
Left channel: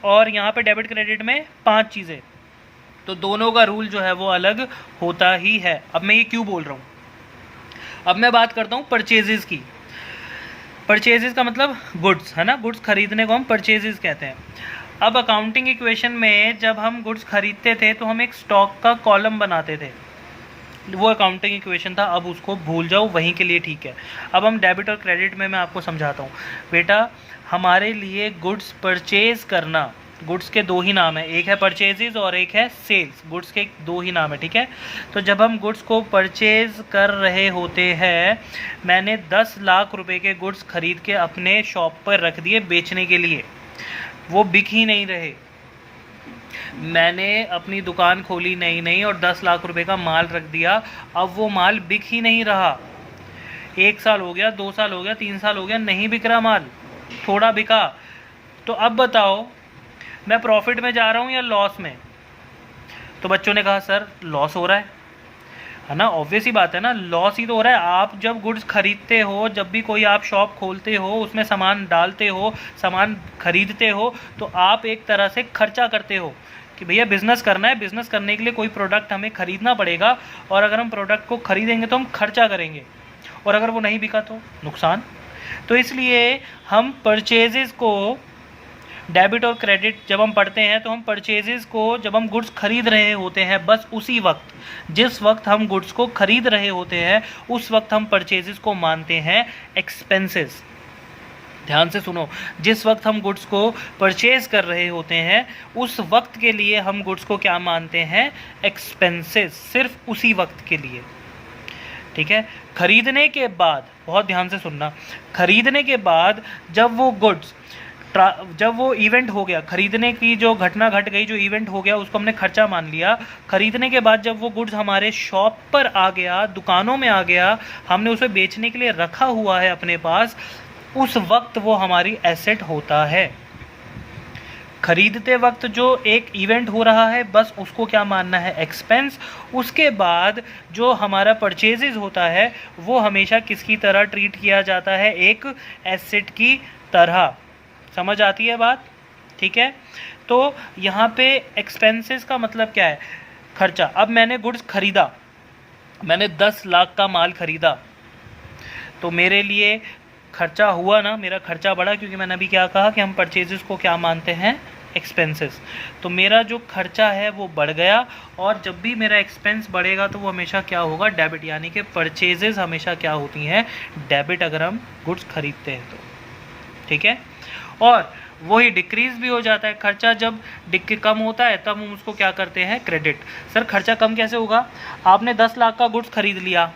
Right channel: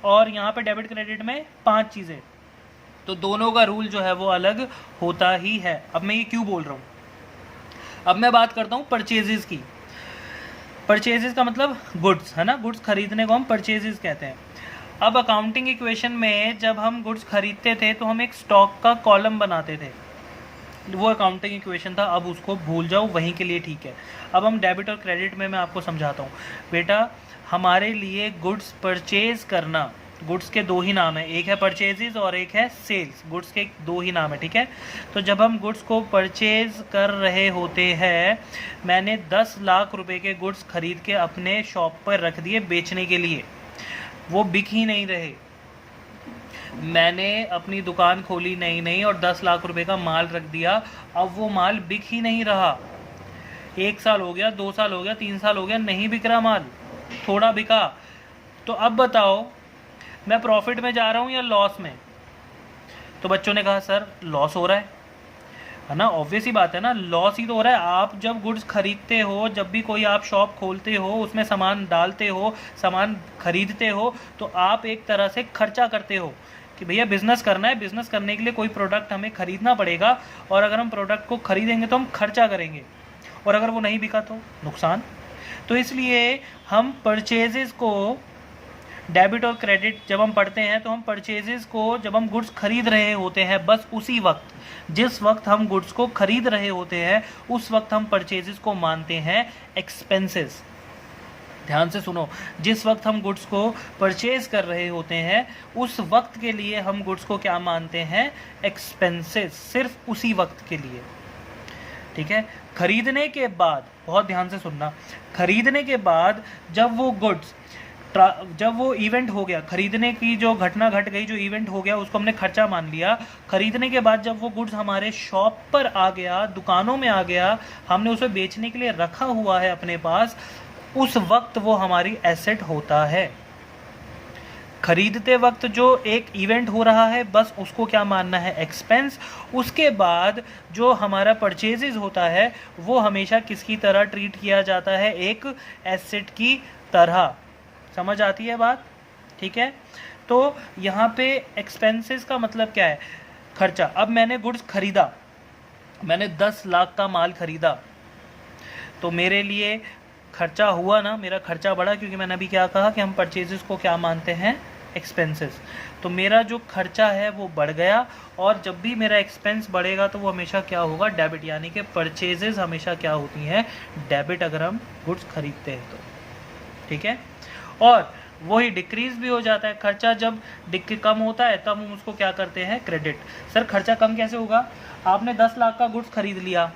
और यहाँ पे डेबिट क्रेडिट में 5 चीज़ें, तो दोनों का रूल जो है वो अलग होता ही है। अब मैं ये क्यों बोल रहा हूँ, अब मैं बात करता हूँ परचेजेस की। परचेजेस का मतलब गुड्स है ना, गुड्स खरीदने को हम परचेजेस कहते हैं। अब अकाउंटिंग इक्वेशन में जब हम गुड्स खरीदते थे तो हम एक स्टॉक का कॉलम बनाते थे, वो अकाउंटिंग इक्वेशन था, अब उसको भूल जाओ, वहीं के लिए ठीक है। अब हम डेबिट और क्रेडिट में मैं आपको समझाता हूँ। बेटा हमारे लिए गुड्स परचेज करना, गुड्स के 2 ही नाम है, एक है परचेजेज और एक है सेल्स, गुड्स के 2 ही नाम है, ठीक है। तो जब हम गुड्स को परचेज कर रहे होते हैं, मैंने 10 लाख रुपए के गुड्स खरीद के अपने शॉप पर रख दिए बेचने के लिए, वो बिक ही नहीं रहे, मैंने अपनी दुकान खोली नहीं और 10 लाख रुपए का माल रख दिया, अब वो माल बिक ही नहीं रहा, 1 साल हो गया, 2 साल हो गया, 3 साल हो गया, नहीं बिक रहा माल, थोड़ा बिका, तो अब बताओ मैं प्रॉफिट में जा रहा हूँ या लॉस में। तो बच्चों ने कहा सर लॉस हो रहा है ना, ऑब्वियस ही बात है ना, लॉस ही तो हो रहा है। आप जब गुड्स खरीदते हो, जब भी कोई आप शॉप खोलते हो, उसमें सामान डालते हो, सामान खरीदते हो, तो आप एक तरह से खर्चा करते हो कि भैया बिज़नेस करना है, बिज़नेस करने के लिए कोई प्रोडक्ट हमें खरीदना पड़ेगा, और अगर हम प्रोडक्ट को खरीदेंगे तो हम खर्चा करेंगे, और अगर वो नहीं बिका तो नुकसान। तो इसलिए हम परचेजेस को, डेबिट और क्रेडिट जब हम पढ़ते हैं तो हम परचेजेस को, जब हम गुड्स खरीद रहे होते हैं, बस उसी वक्त, जिस वक्त हम गुड्स को खरीद रहे होते हैं उस वक्त हम परचेजेस को मानते हैं एक्सपेंसेस। ध्यान से सुनो, जिस वक्त हम गुड्स को परचेज कर रहे होते हैं उस वक्त के लिए हम गुड्स को क्या मानते हैं, एक्सपेंसेस, सिर्फ उसी वक्त के लिए, ठीक है। खरीदने के बाद, बहुत ध्यान से सुनना, खरीदने के बाद जब वो गुड्स, जब वो इवेंट हो गया, खरीदने की जो घटना घट गई, जो इवेंट हो गया, उसको हमने खर्चा मान लिया। खरीदने के बाद जब वो गुड्स हमारे शॉप पर आ गया, दुकानों में आ गया, हमने उसे बेचने के लिए रखा हुआ है अपने पास, उस वक्त वो हमारी एसेट होता है। खरीदते वक्त जो एक इवेंट हो रहा है बस उसको क्या मानना है, एक्सपेंस। उसके बाद जो हमारा परचेजेज होता है वो हमेशा किसकी तरह ट्रीट किया जाता है, एक एसेट की तरह। समझ आती है बात, ठीक है। तो यहाँ पे एक्सपेंसेस का मतलब क्या है, खर्चा। अब मैंने गुड्स खरीदा, मैंने 10 लाख का माल खरीदा, तो मेरे लिए खर्चा हुआ ना, मेरा खर्चा बढ़ा, क्योंकि मैंने अभी क्या कहा कि हम परचेजेस को क्या मानते हैं, एक्सपेंसेस। तो मेरा जो खर्चा है वो बढ़ गया, और जब भी मेरा एक्सपेंस बढ़ेगा तो वो हमेशा क्या होगा, डेबिट, यानी कि परचेजेस हमेशा क्या होती हैं, डेबिट, अगर हम गुड्स खरीदते हैं तो। ठीक है। और वही डिक्रीज भी हो जाता है, खर्चा जब कम होता है तब हम उसको क्या करते हैं, क्रेडिट। सर खर्चा कम कैसे होगा, आपने 10 लाख का गुड्स खरीद लिया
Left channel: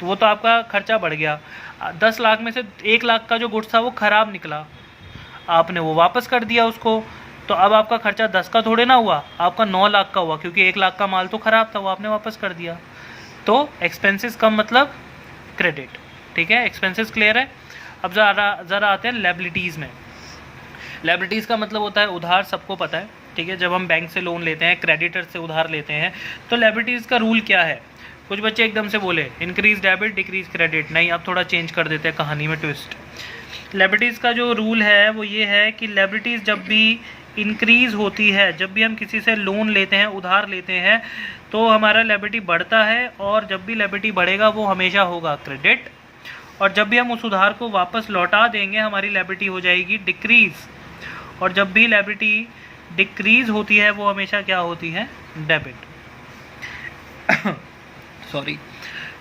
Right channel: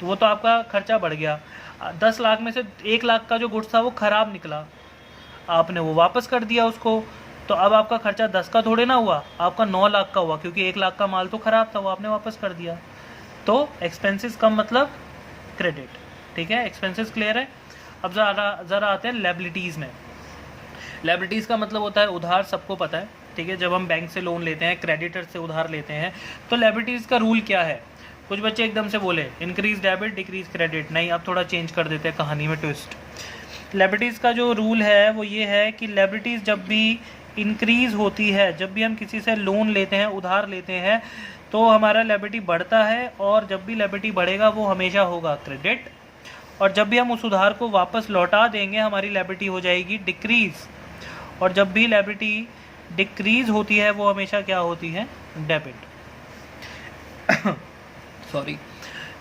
तो वो तो आपका खर्चा बढ़ गया, 10 लाख में से 1 लाख का जो गुड्स था वो ख़राब निकला, आपने वो वापस कर दिया उसको, तो अब आपका खर्चा 10 का थोड़े ना हुआ, आपका 9 लाख का हुआ, क्योंकि 1 लाख का माल तो ख़राब था वो आपने वापस कर दिया। तो एक्सपेंसेस कम मतलब क्रेडिट, ठीक है। एक्सपेंसेस क्लियर है। अब ज़रा आते हैं लायबिलिटीज़ में। लायबिलिटीज़ का मतलब होता है उधार, सबको पता है, ठीक है। जब हम बैंक से लोन लेते हैं, क्रेडिटर से उधार लेते हैं, तो लायबिलिटीज़ का रूल क्या है। कुछ बच्चे एकदम से बोले इंक्रीज डेबिट डिक्रीज क्रेडिट, नहीं, अब थोड़ा चेंज कर देते हैं कहानी में ट्विस्ट। लायबिलिटीज़ का जो रूल है वो ये है कि लायबिलिटीज़ जब भी इंक्रीज़ होती है, जब भी हम किसी से लोन लेते हैं, उधार लेते हैं, तो हमारा लायबिलिटी बढ़ता है, और जब भी लायबिलिटी बढ़ेगा वो हमेशा होगा क्रेडिट, और जब भी हम उस उधार को वापस लौटा देंगे हमारी लायबिलिटी हो जाएगी डिक्रीज़, और जब भी लायबिलिटी डिक्रीज़ होती है वो हमेशा क्या होती है, डेबिट। सॉरी।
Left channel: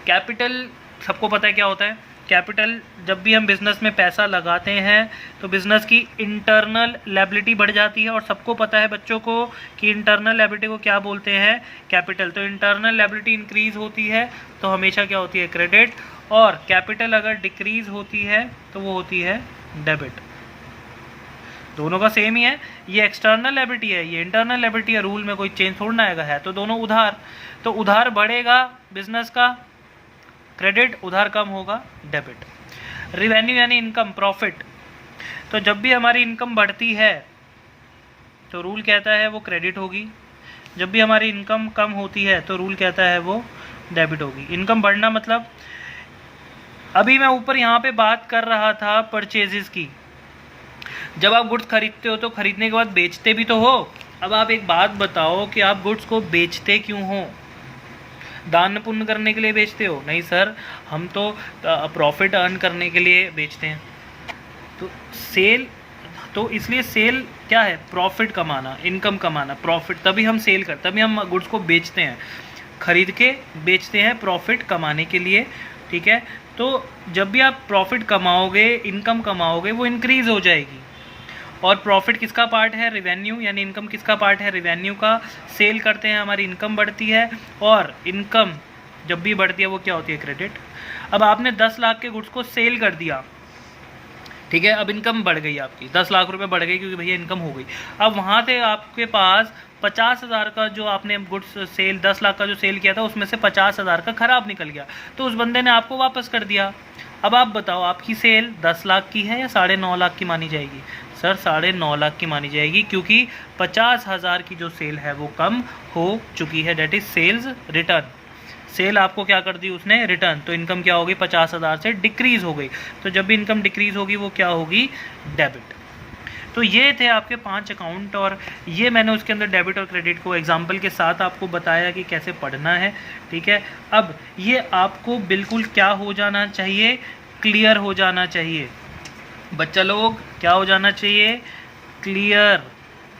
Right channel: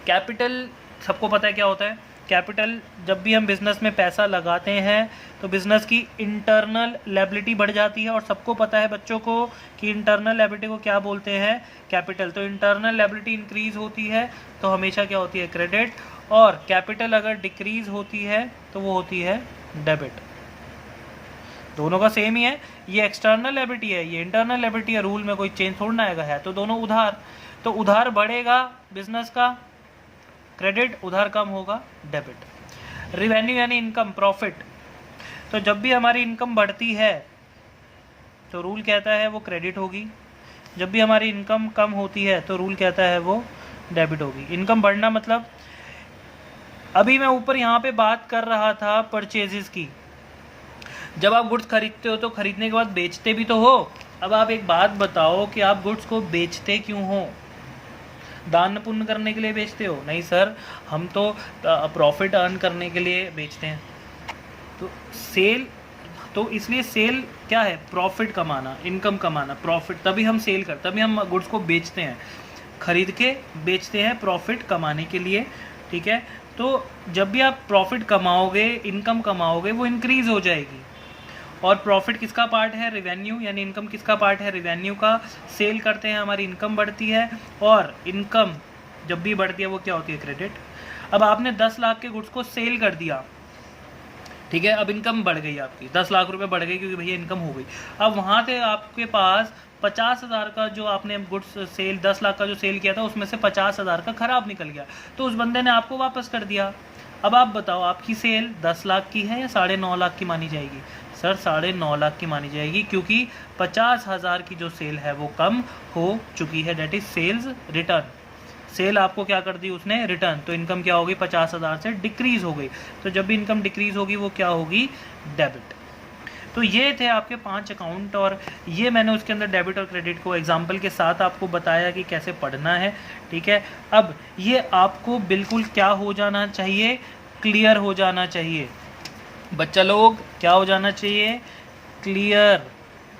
कैपिटल सबको पता है क्या होता है। कैपिटल, जब भी हम बिज़नेस में पैसा लगाते हैं तो बिज़नेस की इंटरनल लायबिलिटी बढ़ जाती है, और सबको पता है बच्चों को कि इंटरनल लायबिलिटी को क्या बोलते हैं, कैपिटल। तो इंटरनल लायबिलिटी इंक्रीज़ होती है तो हमेशा क्या होती है, क्रेडिट, और कैपिटल अगर डिक्रीज़ होती है तो वो होती है डेबिट। दोनों का सेम ही है, ये एक्सटर्नल लायबिलिटी है, ये इंटरनल लायबिलिटी है, रूल में कोई चेंज थोड़ा ना आएगा, है तो दोनों उधार। तो उधार बढ़ेगा बिजनेस का, क्रेडिट, उधार कम होगा, डेबिट। रिवेन्यू यानी इनकम, प्रॉफिट, तो जब भी हमारी इनकम बढ़ती है तो रूल कहता है वो क्रेडिट होगी, जब भी हमारी इनकम कम होती है तो रूल कहता है वो डेबिट होगी। इनकम बढ़ना मतलब, अभी मैं ऊपर यहाँ पे बात कर रहा था परचेजेस की, जब आप गुड्स खरीदते हो तो खरीदने के बाद बेचते भी तो हो। अब आप एक बात बताओ कि आप गुड्स को बेचते क्यों हो, दान पुण्य करने के लिए बेचते हो? नहीं सर, हम तो प्रॉफिट अर्न करने के लिए बेचते हैं। तो सेल, तो इसलिए सेल क्या है, प्रॉफिट कमाना, इनकम कमाना, प्रॉफिट, तभी हम सेल करते, तभी हम गुड्स को बेचते हैं, खरीद के बेचते हैं प्रॉफिट कमाने के लिए, ठीक है। तो जब भी आप प्रॉफिट कमाओगे, इनकम कमाओगे, वो इंक्रीज़ हो जाएगी। और प्रॉफिट किसका पार्ट है, रेवेन्यू, यानी इनकम किसका पार्ट है, रेवेन्यू का। सेल करते हैं, हमारी इनकम बढ़ती है, और इनकम जब भी बढ़ती है वो क्या होती है, क्रेडिट। अब आपने 10 लाख के गुड्स को सेल कर दिया, ठीक है, अब इनकम बढ़ गई आपकी, 10 लाख रुपए बढ़ गई, क्योंकि भैया इनकम हो गई। अब वहाँ से आपके पास 50,000 का जो आपने गुड्स सेल, 10 लाख का जो सेल किया था उसमें से 50,000 का ख़राब निकल गया, तो उस बंदे ने आपको वापस कर दिया। अब आप बताओ आपकी सेल 10 लाख की है या 9.5 लाख की मानी जाएगी? सर 9.5 लाख की मानी जाएगी, क्योंकि 50,000 की जो सेल है वो कम हो चुकी है, date is sales return. Sale आपको क्या कर दी उसने, रिटर्न, तो इनकम क्या होगी, 50,000 से डिक्रीज़ हो गई। तो जब भी इनकम डिक्रीज़ होगी वो क्या होगी, डेबिट। तो ये थे आपके 5 अकाउंट, और ये मैंने उसके अंदर डेबिट और क्रेडिट को एग्जाम्पल के साथ आपको बताया कि कैसे पढ़ना है, ठीक है। अब ये आपको बिल्कुल क्या हो जाना चाहिए, क्लियर हो जाना चाहिए। बच्चा लोग क्या हो जाना चाहिए, क्लियर।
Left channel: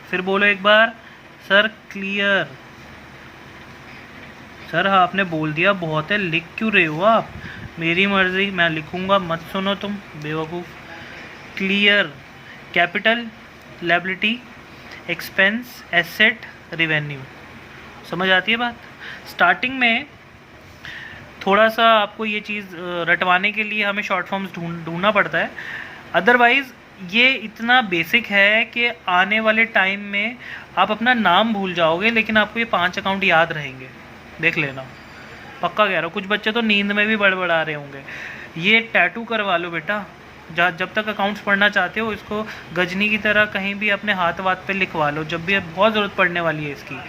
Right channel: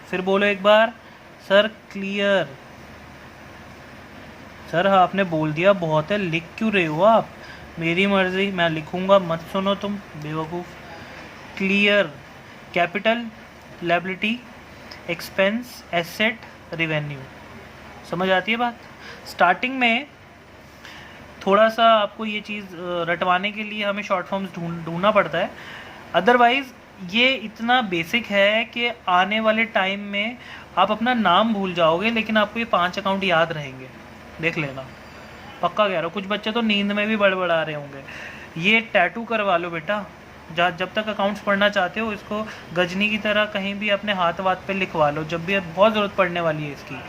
फिर बोलो एक बार, सर क्लियर। सर आपने बोल दिया बहुत है, लिख क्यों रहे हो आप? मेरी मर्जी, मैं लिखूंगा, मत सुनो तुम बेवकूफ़। Clear, capital, liability, expense, asset, revenue. समझ आती है बात? स्टार्टिंग में थोड़ा सा आपको ये चीज़ रटवाने के लिए हमें शॉर्ट फॉर्म्स ढूंढना पड़ता है, अदरवाइज़ ये इतना बेसिक है कि आने वाले टाइम में आप अपना नाम भूल जाओगे, लेकिन आपको ये 5 अकाउंट याद रहेंगे, देख लेना, पक्का कह रहा हूँ। कुछ बच्चे तो नींद में भी बड़बड़ा रहे होंगे। ये टैटू करवा लो बेटा, जब तक अकाउंट्स पढ़ना चाहते हो इसको गजनी की तरह कहीं भी अपने हाथ वाथ पे लिखवा लो, जब भी बहुत ज़रूरत पड़ने वाली है इसकी,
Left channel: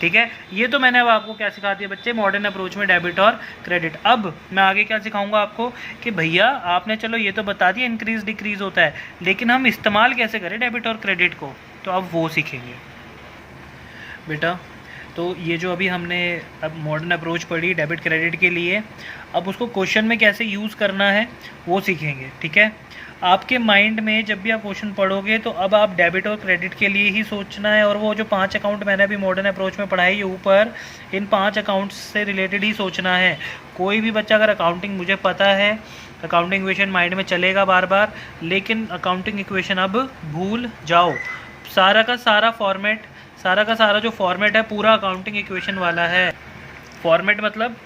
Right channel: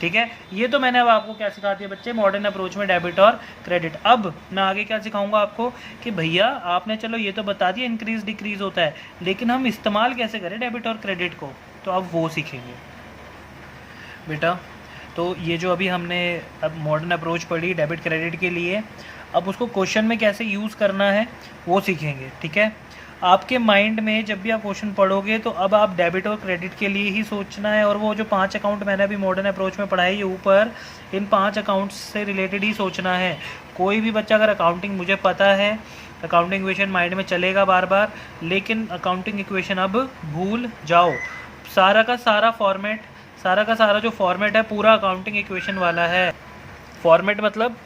ठीक है। ये तो मैंने अब आपको क्या सिखा दिया बच्चे, मॉडर्न अप्रोच में डेबिट और क्रेडिट। अब मैं आगे क्या सिखाऊंगा आपको कि भैया आपने चलो ये तो बता दिया इंक्रीज डिक्रीज होता है, लेकिन हम इस्तेमाल कैसे करें डेबिट और क्रेडिट को, तो अब वो सीखेंगे बेटा। तो ये जो अभी हमने अब मॉडर्न अप्रोच पढ़ी डेबिट क्रेडिट के लिए, अब उसको क्वेश्चन में कैसे यूज़ करना है वो सीखेंगे, ठीक है। आपके माइंड में जब भी आप क्वेश्चन पढ़ोगे तो अब आप डेबिट और क्रेडिट के लिए ही सोचना है, और वो जो 5 अकाउंट मैंने अभी मॉडर्न अप्रोच में पढ़ाई ऊपर, इन 5 अकाउंट्स से रिलेटेड ही सोचना है। कोई भी बच्चा अगर अकाउंटिंग मुझे पता है अकाउंटिंग इक्वेशन माइंड में चलेगा बार बार, लेकिन अकाउंटिंग इक्वेशन अब भूल जाओ। सारा का सारा जो फॉर्मेट है पूरा अकाउंटिंग इक्वेशन वाला है। फॉर्मेट मतलब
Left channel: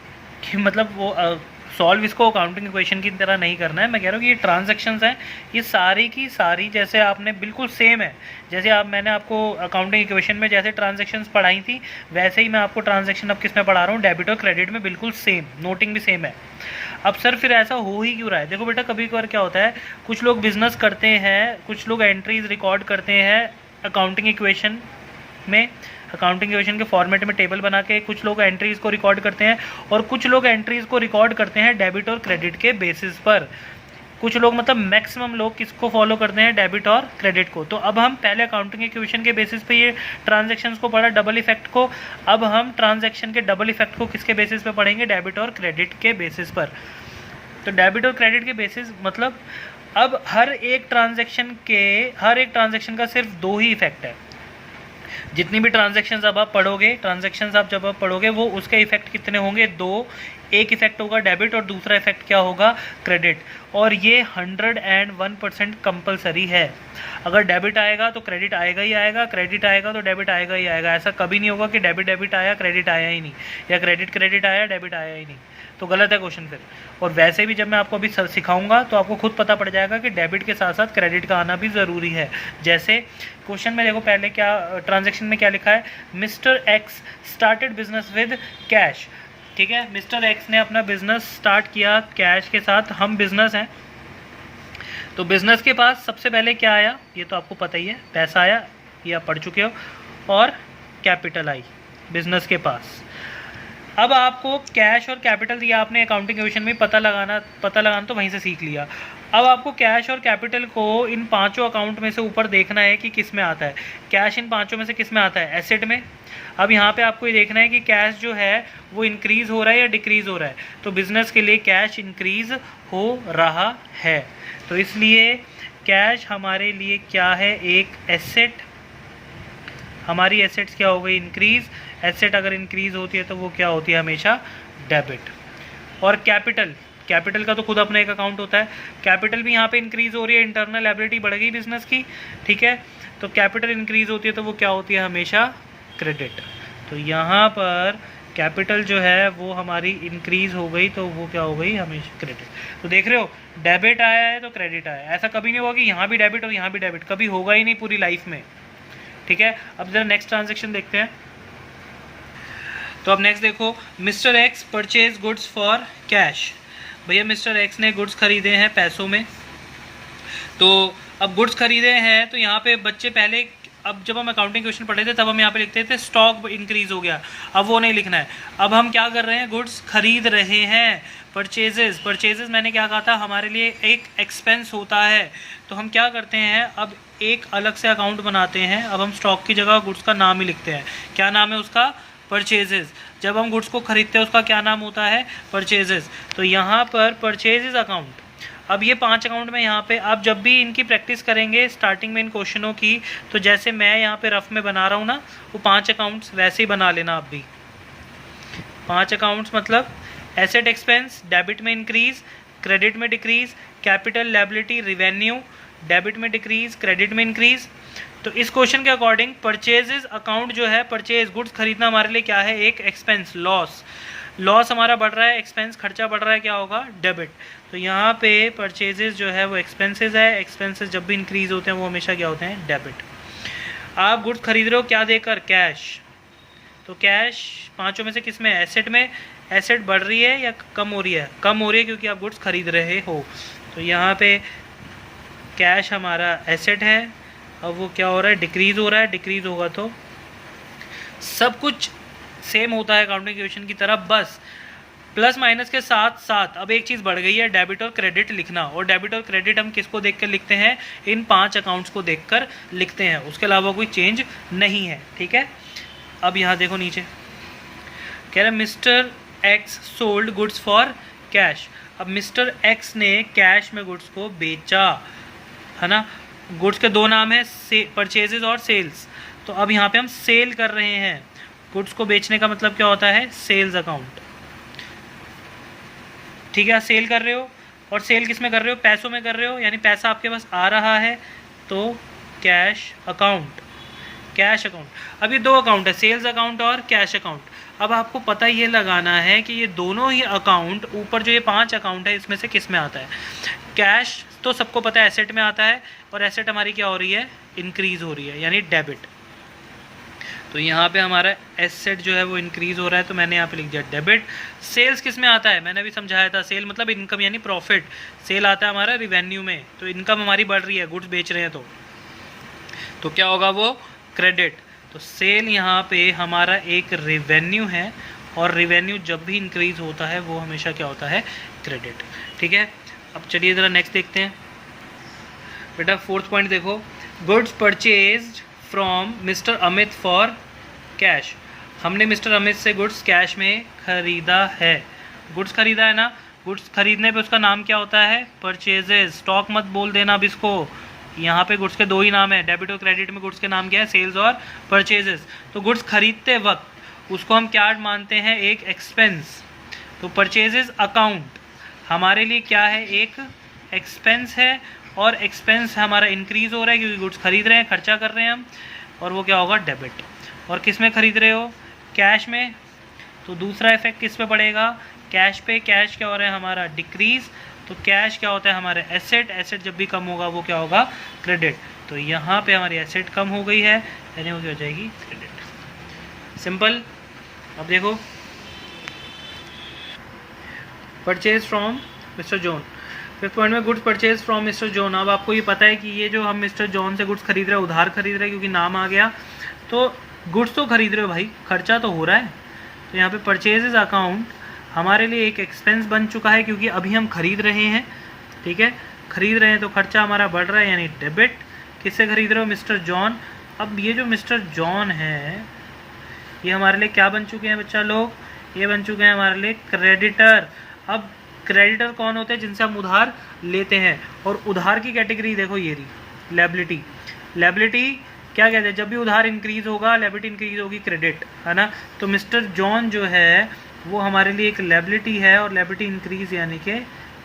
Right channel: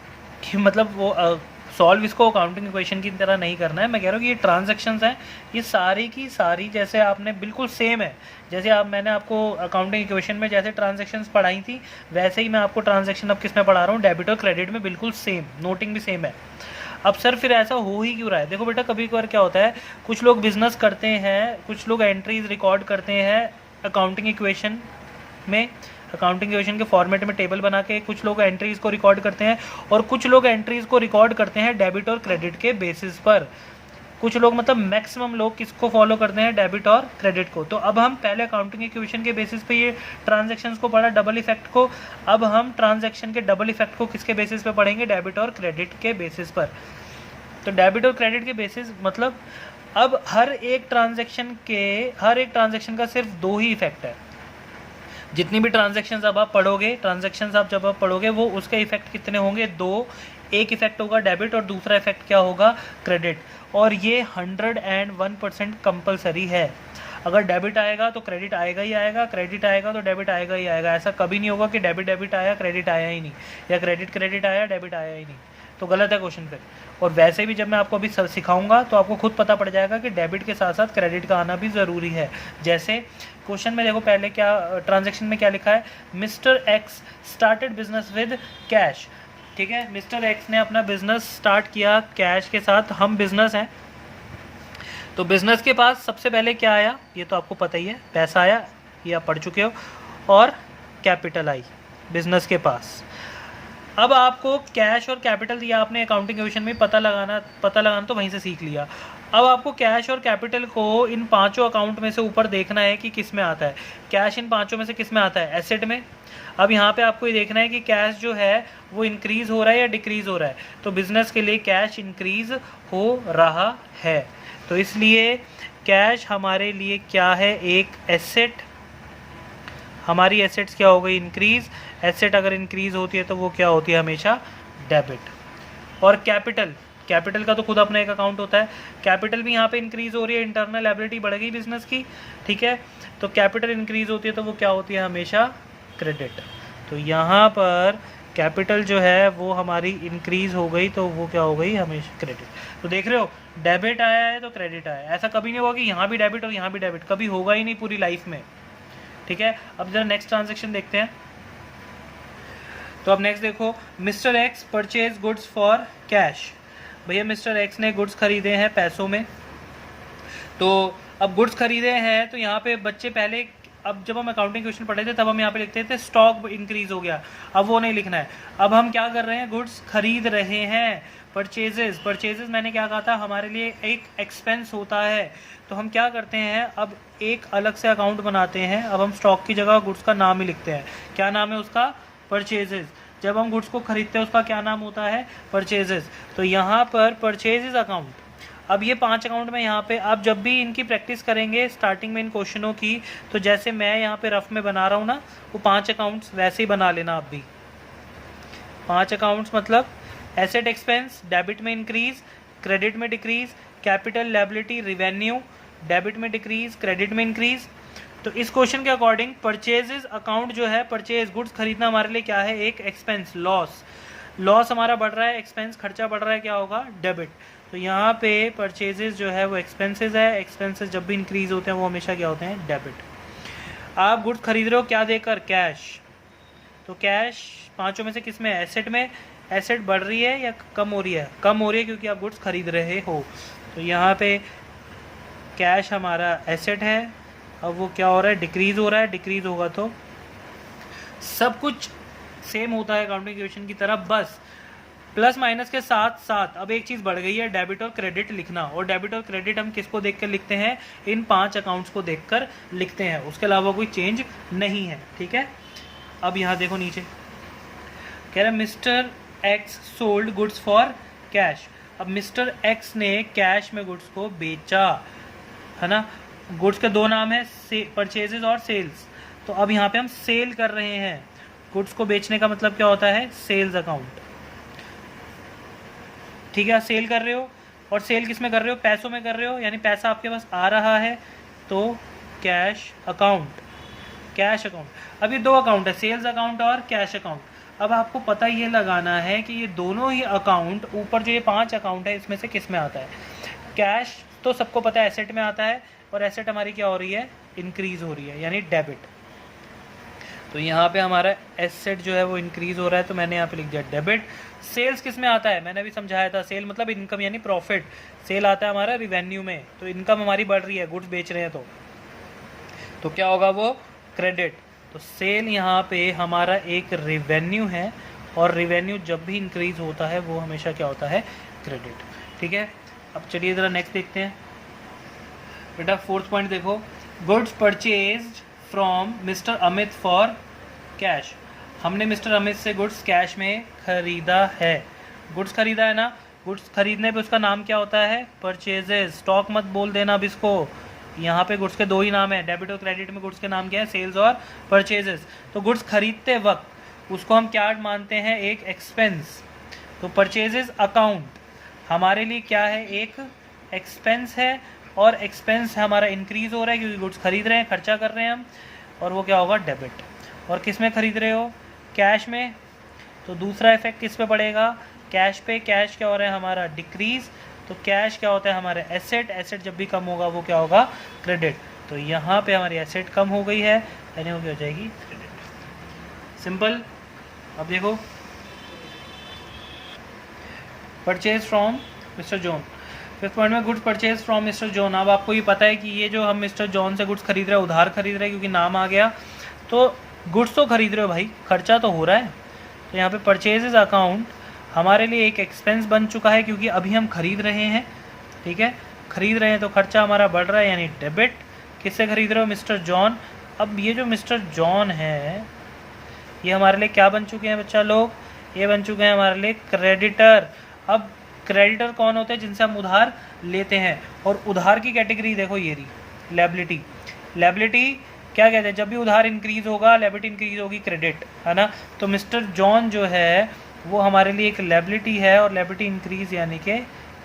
कि मतलब वो सॉल्व इसको अकाउंटिंग इक्वेशन की तरह नहीं करना है। मैं कह रहा हूँ कि ये ट्रांजैक्शंस हैं, ये सारी की सारी जैसे आपने बिल्कुल सेम है, जैसे मैंने आपको अकाउंटिंग इक्वेशन में जैसे ट्रांजैक्शंस पढ़ाई थी वैसे ही मैं आपको ट्रांजैक्शन अब किस में पढ़ा रहा हूँ, डेबिट और क्रेडिट में, बिल्कुल सेम, नोटिंग भी सेम है। अब सर फिर ऐसा हो ही क्यों रहा है? देखो बेटा, कभी कभार क्या होता है, कुछ लोग बिजनेस करते हैं, कुछ लोग एंट्रीज रिकॉर्ड करते हैं अकाउंटिंग इक्वेशन में, अकाउंटिंग इक्वेशन के फॉर्मेट में टेबल बना के कुछ लोग एंट्रीज को रिकॉर्ड करते हैं, और कुछ लोग एंट्रीज को रिकॉर्ड करते हैं डेबिट और क्रेडिट के बेसिस पर। कुछ लोग मतलब मैक्सिमम लोग किसको फॉलो करते हैं, डेबिट और क्रेडिट को। तो अब हम पहले अकाउंटिंग इक्वेशन के बेसिस पे ये ट्रांजैक्शंस को पढ़ा, डबल इफेक्ट को। अब हम ट्रांजैक्शन के डबल इफेक्ट को किसके बेसिस पे पढ़ेंगे, डेबिट और क्रेडिट के बेसिस पर। तो डेबिट और क्रेडिट के बेसिस मतलब अब हर एक ट्रांजैक्शन का सिर्फ दो ही इफेक्ट है। जितनी भी ट्रांजैक्शंस अब आप पढ़ोगे वो उसके इफेक्ट कितने होंगे, दो। एक इफेक्ट होगा डेबिट और दूसरा इफेक्ट क्या होगा, क्रेडिट। और ये 101% कंपलसरी है। अगर डेबिट आएगा तो क्रेडिट आएगा ही आएगा, क्रेडिट आएगा तो डेबिट आएगा ही आएगा। ऐसा कभी नहीं होगा कि डेबिट आया क्रेडिट आया ही नहीं, या क्रेडिट आया डेबिट आया ही नहीं, तो गलत है क्वेश्चन फिर। और वैसे भी जब मैं आपको अभी सिखाऊंगा तो आपको खुद पता पड़ जाएगा कि डेबिट के साथ साथ क्रेडिट का आना भी ज़रूरी है। जैसे क्वेश्चन में देखो पहले क्या, ट्रांजैक्शन में क्या लिखा है, mister x started business with cash. ठीक है, मिस्टर एक्स ने अपना बिजनेस स्टार्ट किया कैश के साथ। हम बिजनेस हैं तो बिजनेस के पास सबसे पहले क्या आया, ये तो आपको पता ही है, पैसा आया, ये आप पढ़ चुके हो, और कैपिटल आई बिजनेस के पास। अब आपको कैश और कैपिटल दिया, आपने अकाउंटिंग इक्वेशन में पता लगाना तो वहीं से सीख लिया। अब आपको कैश और कैपिटल को इन पांचों अकाउंट में से ऊपर देखना है कि किस में आता है। कैश इन पांचों में से किस में आता है, एसेट में। अब यहाँ पे आपको ये देखना है कि कैश जो है वो इंक्रीज हो रहा है या डिक्रीज हो रहा है। तो बिजनेस के लिए कैश इंक्रीज हो रहा है, तो इसलिए कैश हमारे लिए क्या है, एक एसेट। हमारी एसेट्स क्या हो गई, इंक्रीज। एसेट अगर इंक्रीज होती है तो वो क्या होती है, हमेशा डेबिट। और कैपिटल का तो खुद अपना एक अकाउंट होता है। कैपिटल भी यहाँ पे इंक्रीज हो रही है, इंटरनल एबिलिटी बढ़ गई बिजनेस की। ठीक है, तो कैपिटल इंक्रीज होती है तो वो क्या होती है, हमेशा क्रेडिट। तो यहाँ पर कैपिटल जो है वो हमारी इंक्रीज हो गई तो वो क्या हो गई, हमेशा क्रेडिट। तो देख रहे हो, डेबिट आया है तो क्रेडिट आया है। ऐसा कभी नहीं होगा कि यहाँ भी डेबिट और यहाँ भी डेबिट, कभी होगा ही नहीं पूरी लाइफ में। ठीक है, अब जरा नेक्स्ट ट्रांजेक्शन देखते हैं। तो अब नेक्स्ट देखो, mister x purchase goods for cash. भैया मिस्टर एक्स ने गुड्स खरीदे हैं पैसों में। तो अब गुड्स खरीदे हैं तो यहाँ पे बच्चे पहले, अब जब हम अकाउंटिंग क्वेश्चन पढ़े थे तब हम यहाँ पे लिखते थे स्टॉक इंक्रीज हो गया, अब वो नहीं लिखना है। अब हम क्या कर रहे हैं, गुड्स खरीद रहे हैं। परचेजेस मैंने क्या कहा था, हमारे लिए एक एक्सपेंस होता है। तो हम क्या करते हैं, अब एक अलग से अकाउंट बनाते हैं। अब हम स्टॉक की जगह गुड्स का नाम ही लिखते हैं। क्या नाम है उसका, परचेजेस। जब हम गुड्स को खरीदते हैं उसका क्या नाम होता है, परचेजेस। तो यहाँ पर परचेजेस अकाउंट। अब ये 5 अकाउंट में यहाँ पे आप जब भी इनकी प्रैक्टिस करेंगे स्टार्टिंग में इन क्वेश्चनों की, तो जैसे मैं यहाँ पे रफ में बना रहा हूँ ना, वो 5 अकाउंट्स वैसे ही बना लेना आप भी। 5 अकाउंट्स मतलब एसेट एक्सपेंस, डेबिट में इंक्रीज, क्रेडिट में decrease, capital liability revenue, debit में डिक्रीज, क्रेडिट में इंक्रीज। तो इस क्वेश्चन के अकॉर्डिंग परचेजेस अकाउंट जो है, परचेज गुड्स खरीदना हमारे लिए क्या है, एक एक्सपेंस, लॉस हमारा बढ़ रहा है, एक्सपेंस खर्चा बढ़ रहा है, क्या होगा, डेबिट। तो यहाँ पे परचेजेस जो है वो एक्सपेंसेस है। एक्सपेंसेस जब भी इंक्रीज होते हैं वो हमेशा क्या होते हैं, डेबिट। आप गुड्स खरीद रहे हो क्या देकर, कैश। तो कैश 5 में से किस में, एसेट में। एसेट बढ़ रही है या कम हो रही है, कम हो रही है क्योंकि आप गुड्स खरीद रहे हो। तो यहाँ पे कैश हमारा एसेट है। अब वो क्या हो रहा है, डिक्रीज हो रहा है। डिक्रीज होगा तो सब कुछ सेम होता है अकाउंटिंग इक्वेशन की तरह, बस प्लस माइनस के साथ साथ अब एक चीज़ बढ़ गई है, डेबिट और क्रेडिट लिखना। और डेबिट और क्रेडिट हम किसको देखकर लिखते हैं, इन 5 अकाउंट्स को देखकर लिखते हैं, उसके अलावा कोई चेंज नहीं है। ठीक है, अब यहाँ देखो नीचे कह रहा है mister x sold goods for cash. अब मिस्टर एक्स ने कैश में गुड्स को बेचा, है ना। गुड्स के 2 नाम है, परचेजेस और सेल्स। तो अब यहाँ पे हम सेल कर रहे हैं। गुड्स को बेचने का मतलब क्या होता है, सेल्स अकाउंट। ठीक है, सेल कर रहे हो और सेल किस में कर रहे हो, पैसों में कर रहे हो, यानी पैसा आपके पास आ रहा है तो कैश अकाउंट, कैश अकाउंट। अब ये दो अकाउंट है, सेल्स अकाउंट और कैश अकाउंट। अब आपको पता ये लगाना है कि ये दोनों ही अकाउंट, ऊपर जो ये 5 अकाउंट है इसमें से किस में आता है। कैश तो सबको पता है एसेट में आता है, और एसेट हमारी क्या हो रही है, इंक्रीज हो रही है, यानी डेबिट। तो यहाँ पे हमारा एसेट जो है वो इंक्रीज हो रहा है, तो मैंने यहाँ पे लिख दिया डेबिट। सेल्स किस में आता है, मैंने अभी समझाया था, सेल मतलब इनकम यानी प्रॉफिट। सेल आता है हमारा रिवेन्यू में, तो इनकम हमारी बढ़ रही है, गुड्स बेच रहे हैं, तो क्या होगा वो, क्रेडिट। तो सेल यहाँ पे हमारा एक रेवेन्यू है, और रेवेन्यू जब भी इंक्रीज होता है वो हमेशा क्या होता है, क्रेडिट। ठीक है, अब चलिए ज़रा नेक्स्ट देखते हैं बेटा। 4th पॉइंट देखो, goods purchased from mister Amit for cash. हमने मिस्टर अमित से गुड्स कैश में खरीदा है, गुड्स खरीदा है ना। गुड्स खरीदने पे उसका नाम क्या होता है, परचेजेज। स्टॉक मत बोल देना अब इसको, यहाँ पे गुड्स के दो ही नाम है, डेबिट और क्रेडिट में गुड्स के नाम क्या है, सेल्स और परचेजेस। तो गुड्स खरीदते वक्त उसको हम क्या मानते हैं, एक एक्सपेंस। तो परचेजेस अकाउंट हमारे लिए क्या है, एक एक्सपेंस है, और एक्सपेंस हमारा इंक्रीज हो रहा है क्योंकि गुड्स खरीद रहे हैं, खर्चा कर रहे हैं हम, और वो क्या होगा, डेबिट। और किस में खरीद रहे हो, कैश में। तो दूसरा इफेक्ट किस पे पड़ेगा, कैश पे। कैश क्या हो रहा है हमारा, डिक्रीज। तो कैश क्या होता है हमारे एसेट, एसेट जब भी कम होगा वो क्या होगा, क्रेडिट। तो यहाँ पे हमारी एसेट कम हो गई है, यानी वो क्या हो जाएगी, क्रेडिट। सिंपल। अब देखो, purchase from Mr John. 5th point में goods purchase from Mr John. अब आपको ये पता है कि ये जो हम मिस्टर जॉन से गुड्स खरीद रहे हैं, उधार खरीद रहे हैं क्योंकि नाम आ गया। तो गुड्स तो खरीद रहे हो भाई, खर्चा तो हो रहा है। तो यहाँ पे परचेजेज अकाउंट हमारे लिए एक एक्सपेंस बन चुका है क्योंकि अभी हम खरीद रहे हैं। ठीक है, खरीद रहे हैं तो खर्चा हमारा बढ़ रहा है, यानी डेबिट। किससे खरीद रहे हो, मिस्टर जॉन। अब ये जो मिस्टर जॉन है ये हमारे लिए क्या बन चुके हैं बच्चा लोग, ये बन चुके हैं हमारे लिए क्रेडिटर। अब क्रेडिटर कौन होते हैं, जिनसे हम उधार लेते हैं, और उधार की कैटेगरी देखो ये रही, लायबिलिटी। लायबिलिटी क्या कहते हैं, जब भी उधार इंक्रीज होगा लायबिलिटी इंक्रीज होगी, क्रेडिट, है ना। तो मिस्टर जॉन जो है वो हमारे लिए एक लायबिलिटी है, और लायबिलिटी इंक्रीज यानी कि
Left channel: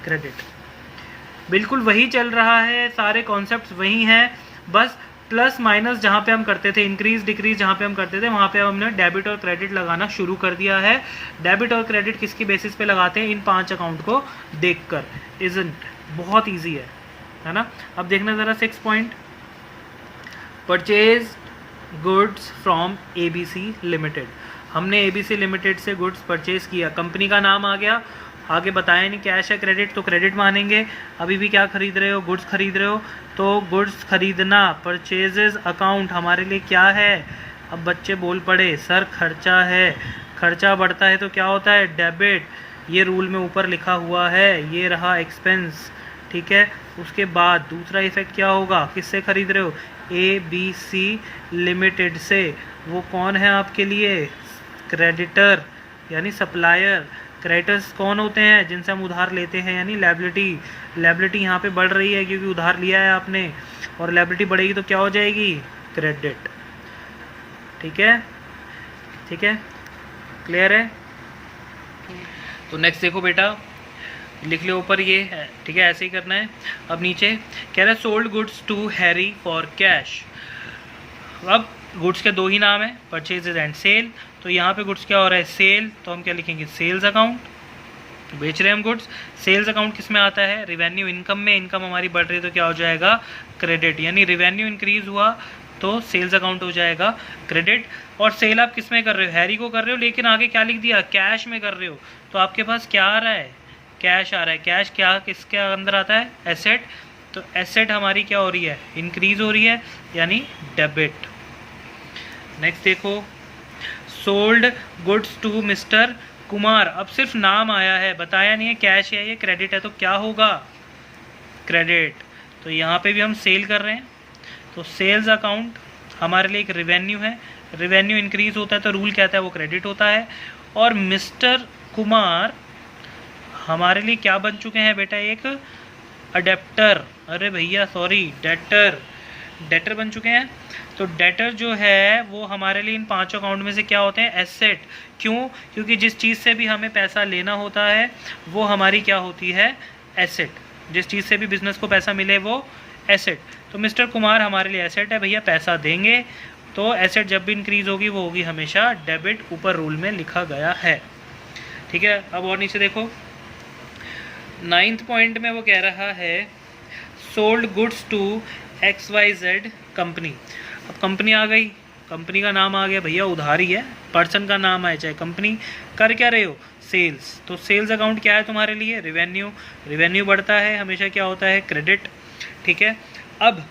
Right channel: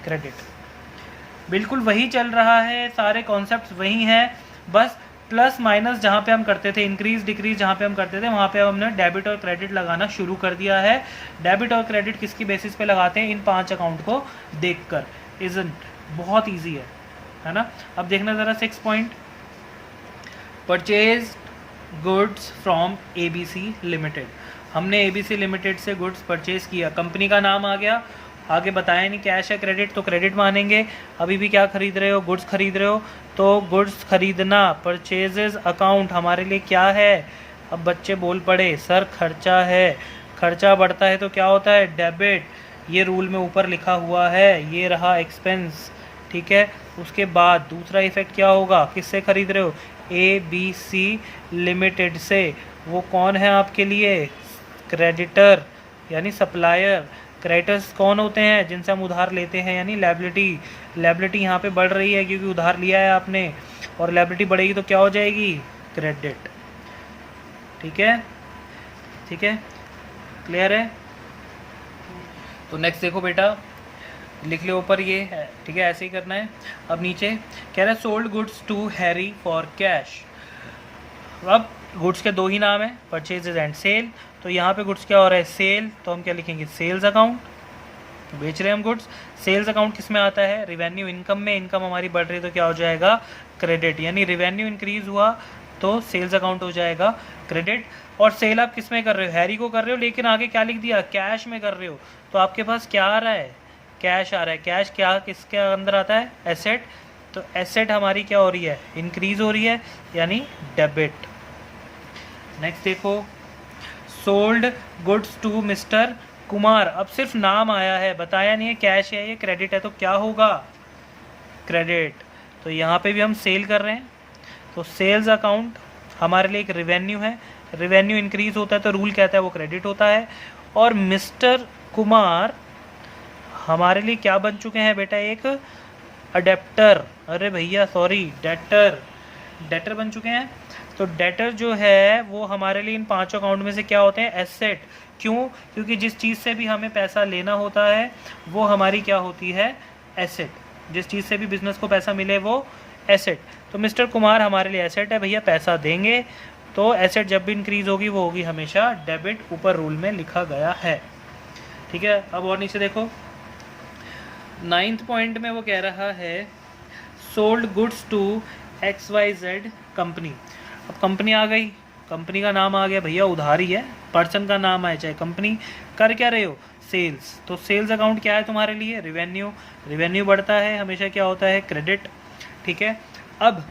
क्रेडिट। बिल्कुल वही चल रहा है, सारे कॉन्सेप्ट्स वही हैं, बस प्लस माइनस जहाँ पे हम करते थे, इंक्रीज डिक्रीज जहाँ पे हम करते थे, वहाँ पे हमने डेबिट और क्रेडिट लगाना शुरू कर दिया है। डेबिट और क्रेडिट किसकी बेसिस पे लगाते हैं, इन 5 अकाउंट को देखकर। इजंट, बहुत ईजी है ना। अब देखना ज़रा 6 point, purchase goods from ABC limited. हमने ABC लिमिटेड से गुड्स परचेज किया, कंपनी का नाम आ गया, आगे बताया नहीं कैश है क्रेडिट, तो क्रेडिट मानेंगे। अभी भी क्या खरीद रहे हो, गुड्स खरीद रहे हो, तो गुड्स खरीदना, परचेजेस अकाउंट हमारे लिए क्या है। अब बच्चे बोल पड़े सर खर्चा है, खर्चा बढ़ता है तो क्या होता है, डेबिट। ये रूल में ऊपर लिखा हुआ है, ये रहा एक्सपेंस। ठीक है, उसके बाद दूसरा इफेक्ट क्या होगा, किससे खरीद रहे हो, ABC लिमिटेड से। वो कौन है आपके लिए, क्रेडिटर यानी सप्लायर। क्रेडिटर्स कौन होते हैं, जिनसे हम उधार लेते हैं, यानी लायबिलिटी। लायबिलिटी यहाँ पे बढ़ रही है क्योंकि उधार लिया है आपने, और लायबिलिटी बढ़ेगी तो क्या हो जाएगी, क्रेडिट। ठीक है, ठीक है, क्लियर है। तो नेक्स्ट देखो बेटा, लिख लो ऊपर ये है, ठीक है, ऐसे ही करना है। अब नीचे कह रहा है sold goods to Harry for cash. अब गुड्स के दो ही नाम है, परचेजेज एंड सेल। तो यहाँ पे गुड्स क्या हो रहा है, सेल, तो हम क्या लिखेंगे, सेल्स अकाउंट। बेच रहे हैं हम गुड्स। सेल्स अकाउंट किस में आता है, रिवेन्यू इनकम में। इनकम हमारी बढ़ रही है तो क्या हो जाएगा, क्रेडिट। यानी रिवेन्यू इंक्रीज हुआ तो सेल्स अकाउंट हो जाएगा क्रेडिट। और सेल आप किस में कर रहे हो, हैरी को कर रहे हो, लेकिन आगे क्या लिख दिया, कैश में कर रहे हो। तो आपके पास क्या आ रहा है, कैश आ रहा है। कैश क्या किसके अंदर आता है, एसेट। तो एसेट हमारी क्या हो रही है, इंक्रीज हो रही है, यानी डेबिट। नेक्स्ट देखो, sold goods to mister Kumar. अब सिर्फ नाम आया है, बताया नहीं है कैश है ये क्रेडिट है, तो क्या होगा, क्रेडिट। तो यहाँ पे भी हम सेल कर रहे हैं, तो सेल्स अकाउंट हमारे लिए एक रिवेन्यू है। रिवेन्यू इंक्रीज होता है तो रूल कहता है वो क्रेडिट होता है। और मिस्टर कुमार हमारे लिए क्या बन चुके हैं बेटा, एक अडेप्टर, अरे भैया सॉरी, डेटर, डेटर बन चुके हैं। तो डेटर जो है वो हमारे लिए इन 5 अकाउंट में से क्या होते हैं, एसेट। क्यों, क्योंकि जिस चीज़ से भी हमें पैसा लेना होता है वो हमारी क्या होती है, एसेट, जिस चीज़ से भी बिजनेस को पैसा मिले वो एसेट। तो मिस्टर कुमार हमारे लिए एसेट है भैया, पैसा देंगे। तो एसेट जब भी इंक्रीज होगी वो होगी हमेशा डेबिट, ऊपर रूल में लिखा गया है। ठीक है, अब और नीचे देखो 9th पॉइंट में वो कह रहा है sold goods to XYZ company. अब कंपनी आ गई, कंपनी का नाम आ गया भैया, उधारी है, पर्सन का नाम आए चाहे कंपनी, कर क्या रहे हो सेल्स। तो सेल्स अकाउंट क्या है तुम्हारे लिए, रेवेन्यू। रेवेन्यू बढ़ता है हमेशा क्या होता है, क्रेडिट। ठीक है, अब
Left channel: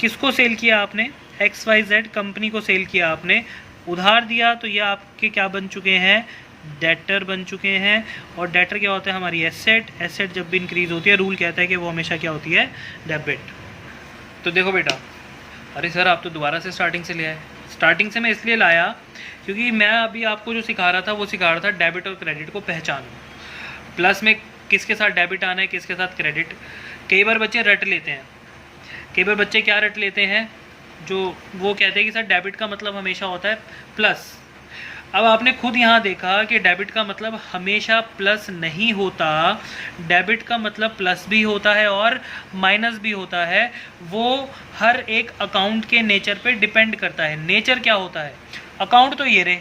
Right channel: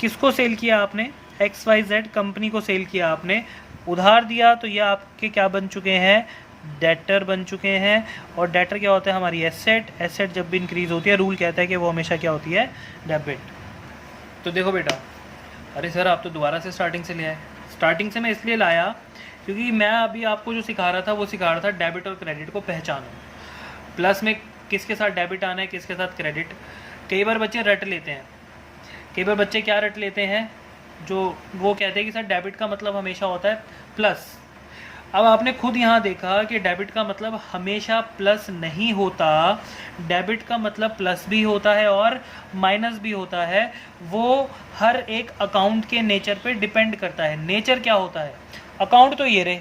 किसको सेल किया आपने, XYZ कंपनी को सेल किया आपने, उधार दिया, तो ये आपके क्या बन चुके हैं, डेटर बन चुके हैं। और डेटर क्या होता है, हमारी एसेट। एसेट जब भी इंक्रीज होती है रूल कहता है कि वो हमेशा क्या होती है, डेबिट। तो देखो बेटा, अरे सर आप तो दोबारा से स्टार्टिंग से ले आए। स्टार्टिंग से मैं इसलिए लाया क्योंकि मैं अभी आपको जो सिखा रहा था वो सिखा रहा था डेबिट और क्रेडिट को पहचानो। प्लस में किसके साथ डेबिट आना है, किसके साथ क्रेडिट। कई बार बच्चे रट लेते हैं, कई बार बच्चे क्या रट लेते हैं, जो वो कहते हैं कि सर डेबिट का मतलब हमेशा होता है प्लस। अब आपने खुद यहाँ देखा कि डेबिट का मतलब हमेशा प्लस नहीं होता, डेबिट का मतलब प्लस भी होता है और माइनस भी होता है। वो हर एक अकाउंट के नेचर पे डिपेंड करता है। नेचर क्या होता है, अकाउंट तो ये रहे,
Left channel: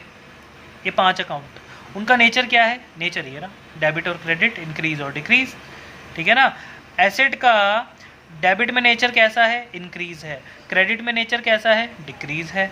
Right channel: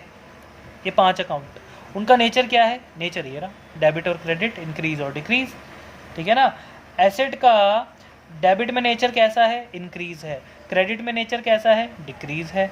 ये 5 अकाउंट, उनका नेचर क्या है, नेचर ये रहा, डेबिट और क्रेडिट, इंक्रीज और डिक्रीज। ठीक है ना। एसेट का डेबिट में नेचर कैसा है, इंक्रीज है, क्रेडिट में नेचर कैसा है, डिक्रीज है।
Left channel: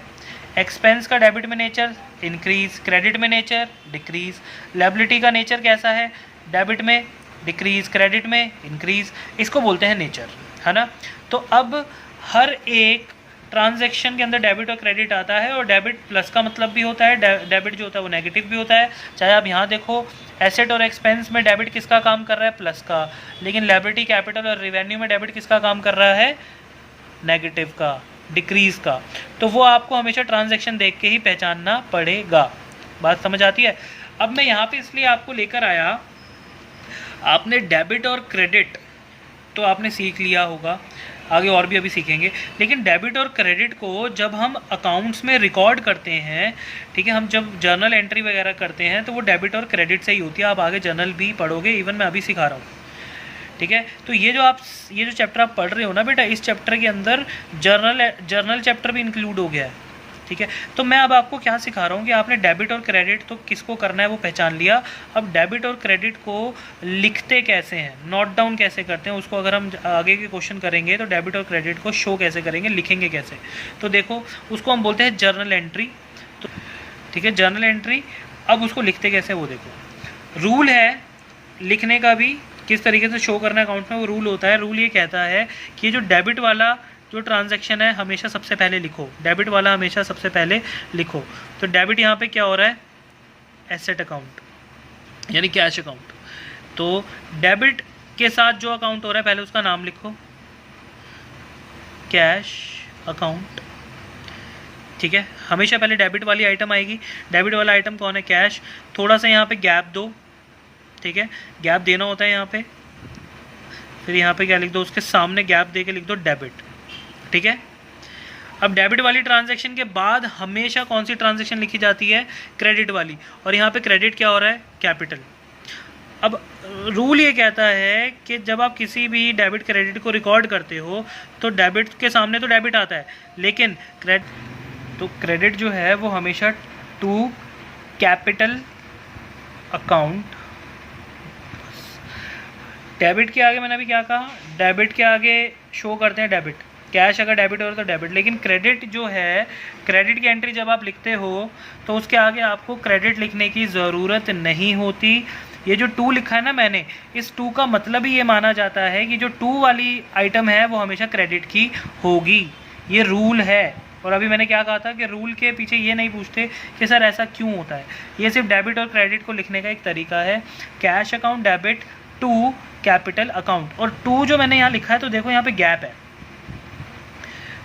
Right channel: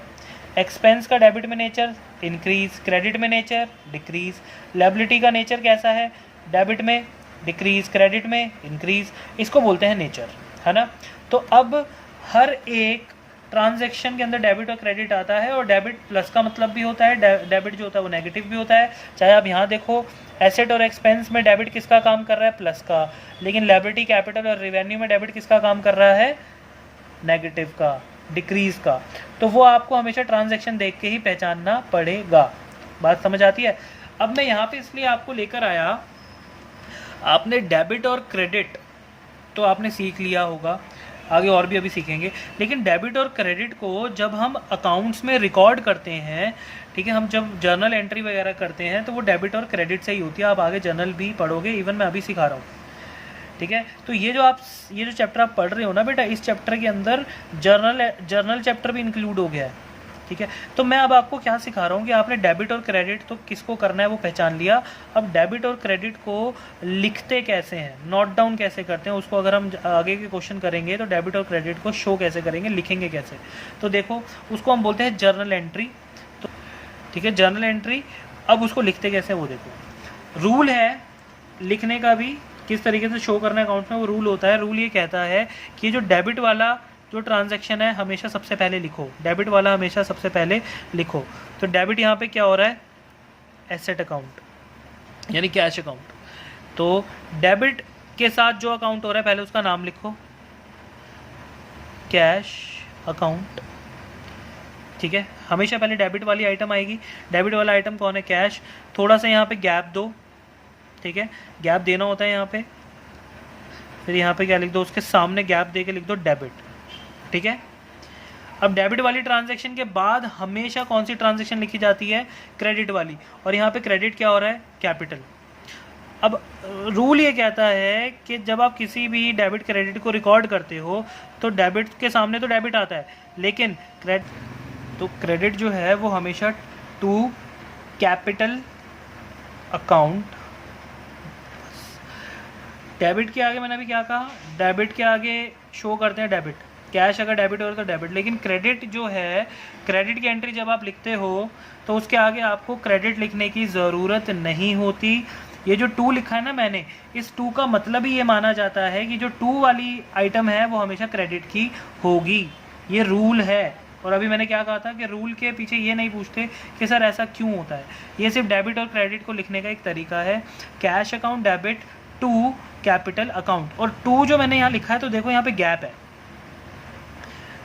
एक्सपेंस का डेबिट में नेचर इंक्रीज, क्रेडिट में नेचर डिक्रीज। लायबिलिटी का नेचर कैसा है, डेबिट में डिक्रीज, क्रेडिट में इंक्रीज। इसको बोलते हैं नेचर, है ना। तो अब हर एक ट्रांजैक्शन के अंदर डेबिट और क्रेडिट आता है, और डेबिट प्लस का मतलब भी होता है, डेबिट जो होता है वो नेगेटिव भी होता है। चाहे आप यहाँ देखो एसेट और एक्सपेंस में डेबिट किसका काम कर रहा है, प्लस का, लेकिन लायबिलिटी, कैपिटल और रेवेन्यू में डेबिट किसका काम कर रहा है, नेगेटिव का, डिक्रीज का। तो वो आपको हमेशा ट्रांजैक्शन देख के ही पहचानना पड़ेगा। बात समझ आती है। अब मैं यहाँ पे इसलिए आपको लेकर आया, आपने डेबिट और क्रेडिट तो आपने सीख लिया होगा, आगे और भी अभी सीखेंगे, लेकिन डेबिट और क्रेडिट को जब हम अकाउंट्स में रिकॉर्ड करते हैं, ठीक है, हम जब जर्नल एंट्री वगैरह करते हैं तो वो डेबिट और क्रेडिट से ही होती है। आप आगे जर्नल भी पढ़ोगे, इवन मैं अभी सिखा रहा हूँ। ठीक है, तो ये जो चैप्टर आप पढ़ रहे हो ना बेटा, इस चैप्टर के अंदर जर्नल चैप्टर भी इंक्लूड हो गया है। ठीक है, तो मैं अब आपको क्या सिखा रहा हूँ कि आपने डेबिट और क्रेडिट तो किसको करना है वो पहचान लिया। अब डेबिट और क्रेडिट को लिखते कैसे हैं, नोट डाउन कैसे करते हैं, उसको अगर हम आगे के क्वेश्चन करेंगे तो डेबिट और क्रेडिट को शो कैसे करेंगे, लिखेंगे कैसे। तो देखो उसको हम बोलते हैं जर्नल एंट्री। तो ठीक है, जर्नल एंट्री। अब उसको लिखते कैसे वो देखो, रूल है लिखने का भी, किस तरीके से शो करना है अकाउंट में, वो रूल होता है। रूल ये कहता है कि जो डेबिट वाला जो ट्रांजैक्शन है हमेशा सबसे पहले लिखो, डेबिट वाला हमेशा सबसे पहले लिखो। तो डेबिट यहाँ पे क्या हो रहा है, एसेट अकाउंट यानी कैश अकाउंट। तो डेबिट के साथ जो अकाउंट हो रहा है पहले उसका नाम लिखो, कैश अकाउंट। ठीक है, हमेशा पहले डेबिट वाली आइटम आएगी। डेबिट वाला आइटम कौन है, कैश। थोड़ा सा यहाँ पे गैप दो, ठीक है, गैप देना होता है यहाँ पे। फिर यहाँ पे क्या लिख दो, उसके सामने गैप दे के लिख दो डेबिट। ठीक है, अब डेबिट वाली ट्रांजैक्शन के बाद हमेशा कौन सी ट्रांजैक्शन लिखी जाती है, क्रेडिट वाली। और यहाँ पे क्रेडिट क्या हो रहा है, कैपिटल। अब रूल ये कहता है कि जब आप किसी भी डेबिट क्रेडिट को रिकॉर्ड करते हो तो डेबिट के सामने तो डेबिट आता है, लेकिन क्रेडिट जो है वो हमेशा टू कैपिटल अकाउंट। डेबिट के आगे मैंने अभी क्या कहा, डेबिट के आगे शो करते हैं डेबिट, कैश अगर डेबिट हो रहा तो डेबिट। लेकिन क्रेडिट जो है, क्रेडिट की एंट्री जब आप लिखते हो तो उसके आगे आपको क्रेडिट लिखने की ज़रूरत नहीं होती। ये जो टू लिखा है ना मैंने, इस टू का मतलब ही ये माना जाता है कि जो टू वाली आइटम है वो हमेशा क्रेडिट की होगी। ये रूल है। और अभी मैंने क्या कहा था कि रूल के पीछे ये नहीं पूछते कि सर ऐसा क्यों होता है, ये सिर्फ डेबिट और क्रेडिट को लिखने का एक तरीका है। Cash account debit to capital account. और टू जो मैंने यहाँ लिखा है तो देखो यहाँ पे गैप है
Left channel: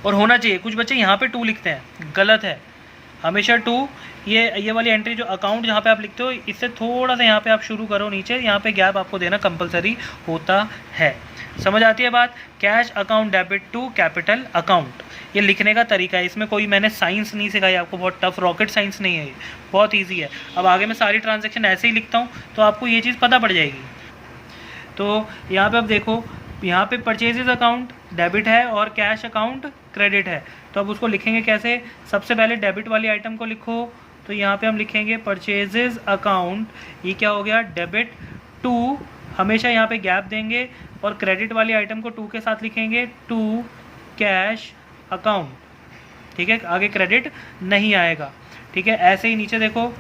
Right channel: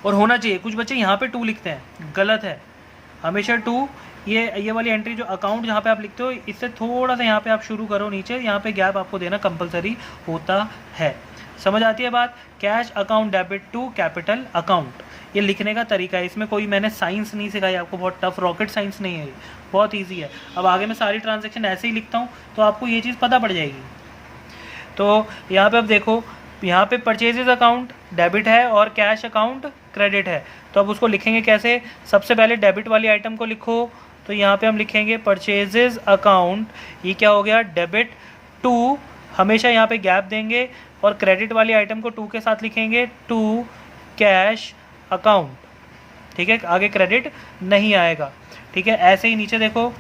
और होना चाहिए। कुछ बच्चे यहाँ पे टू लिखते हैं, गलत है। हमेशा टू, ये वाली एंट्री जो अकाउंट जहाँ पे आप लिखते हो इससे थोड़ा सा यहाँ पे आप शुरू करो नीचे, यहाँ पे गैप आपको देना कंपलसरी होता है। समझ आती है बात। Cash account debit to capital account, ये लिखने का तरीका है। इसमें कोई मैंने साइंस नहीं सिखाई आपको, बहुत टफ रॉकेट साइंस नहीं है, ये बहुत ईजी है। अब आगे मैं सारी ट्रांजेक्शन ऐसे ही लिखता हूँ तो आपको ये चीज़ पता पड़ जाएगी। तो यहाँ पे अब देखो, यहाँ पे परचेजेज अकाउंट डेबिट है और कैश अकाउंट क्रेडिट है। तो अब उसको लिखेंगे कैसे? सबसे पहले डेबिट वाली आइटम को लिखो, तो यहाँ पे हम लिखेंगे परचेजेज अकाउंट, ये क्या हो गया? डेबिट टू, हमेशा यहाँ पे गैप देंगे, और क्रेडिट वाली आइटम को टू के साथ लिखेंगे, टू कैश अकाउंट। ठीक है, आगे क्रेडिट नहीं आएगा। ठीक है, ऐसे ही नीचे देखो,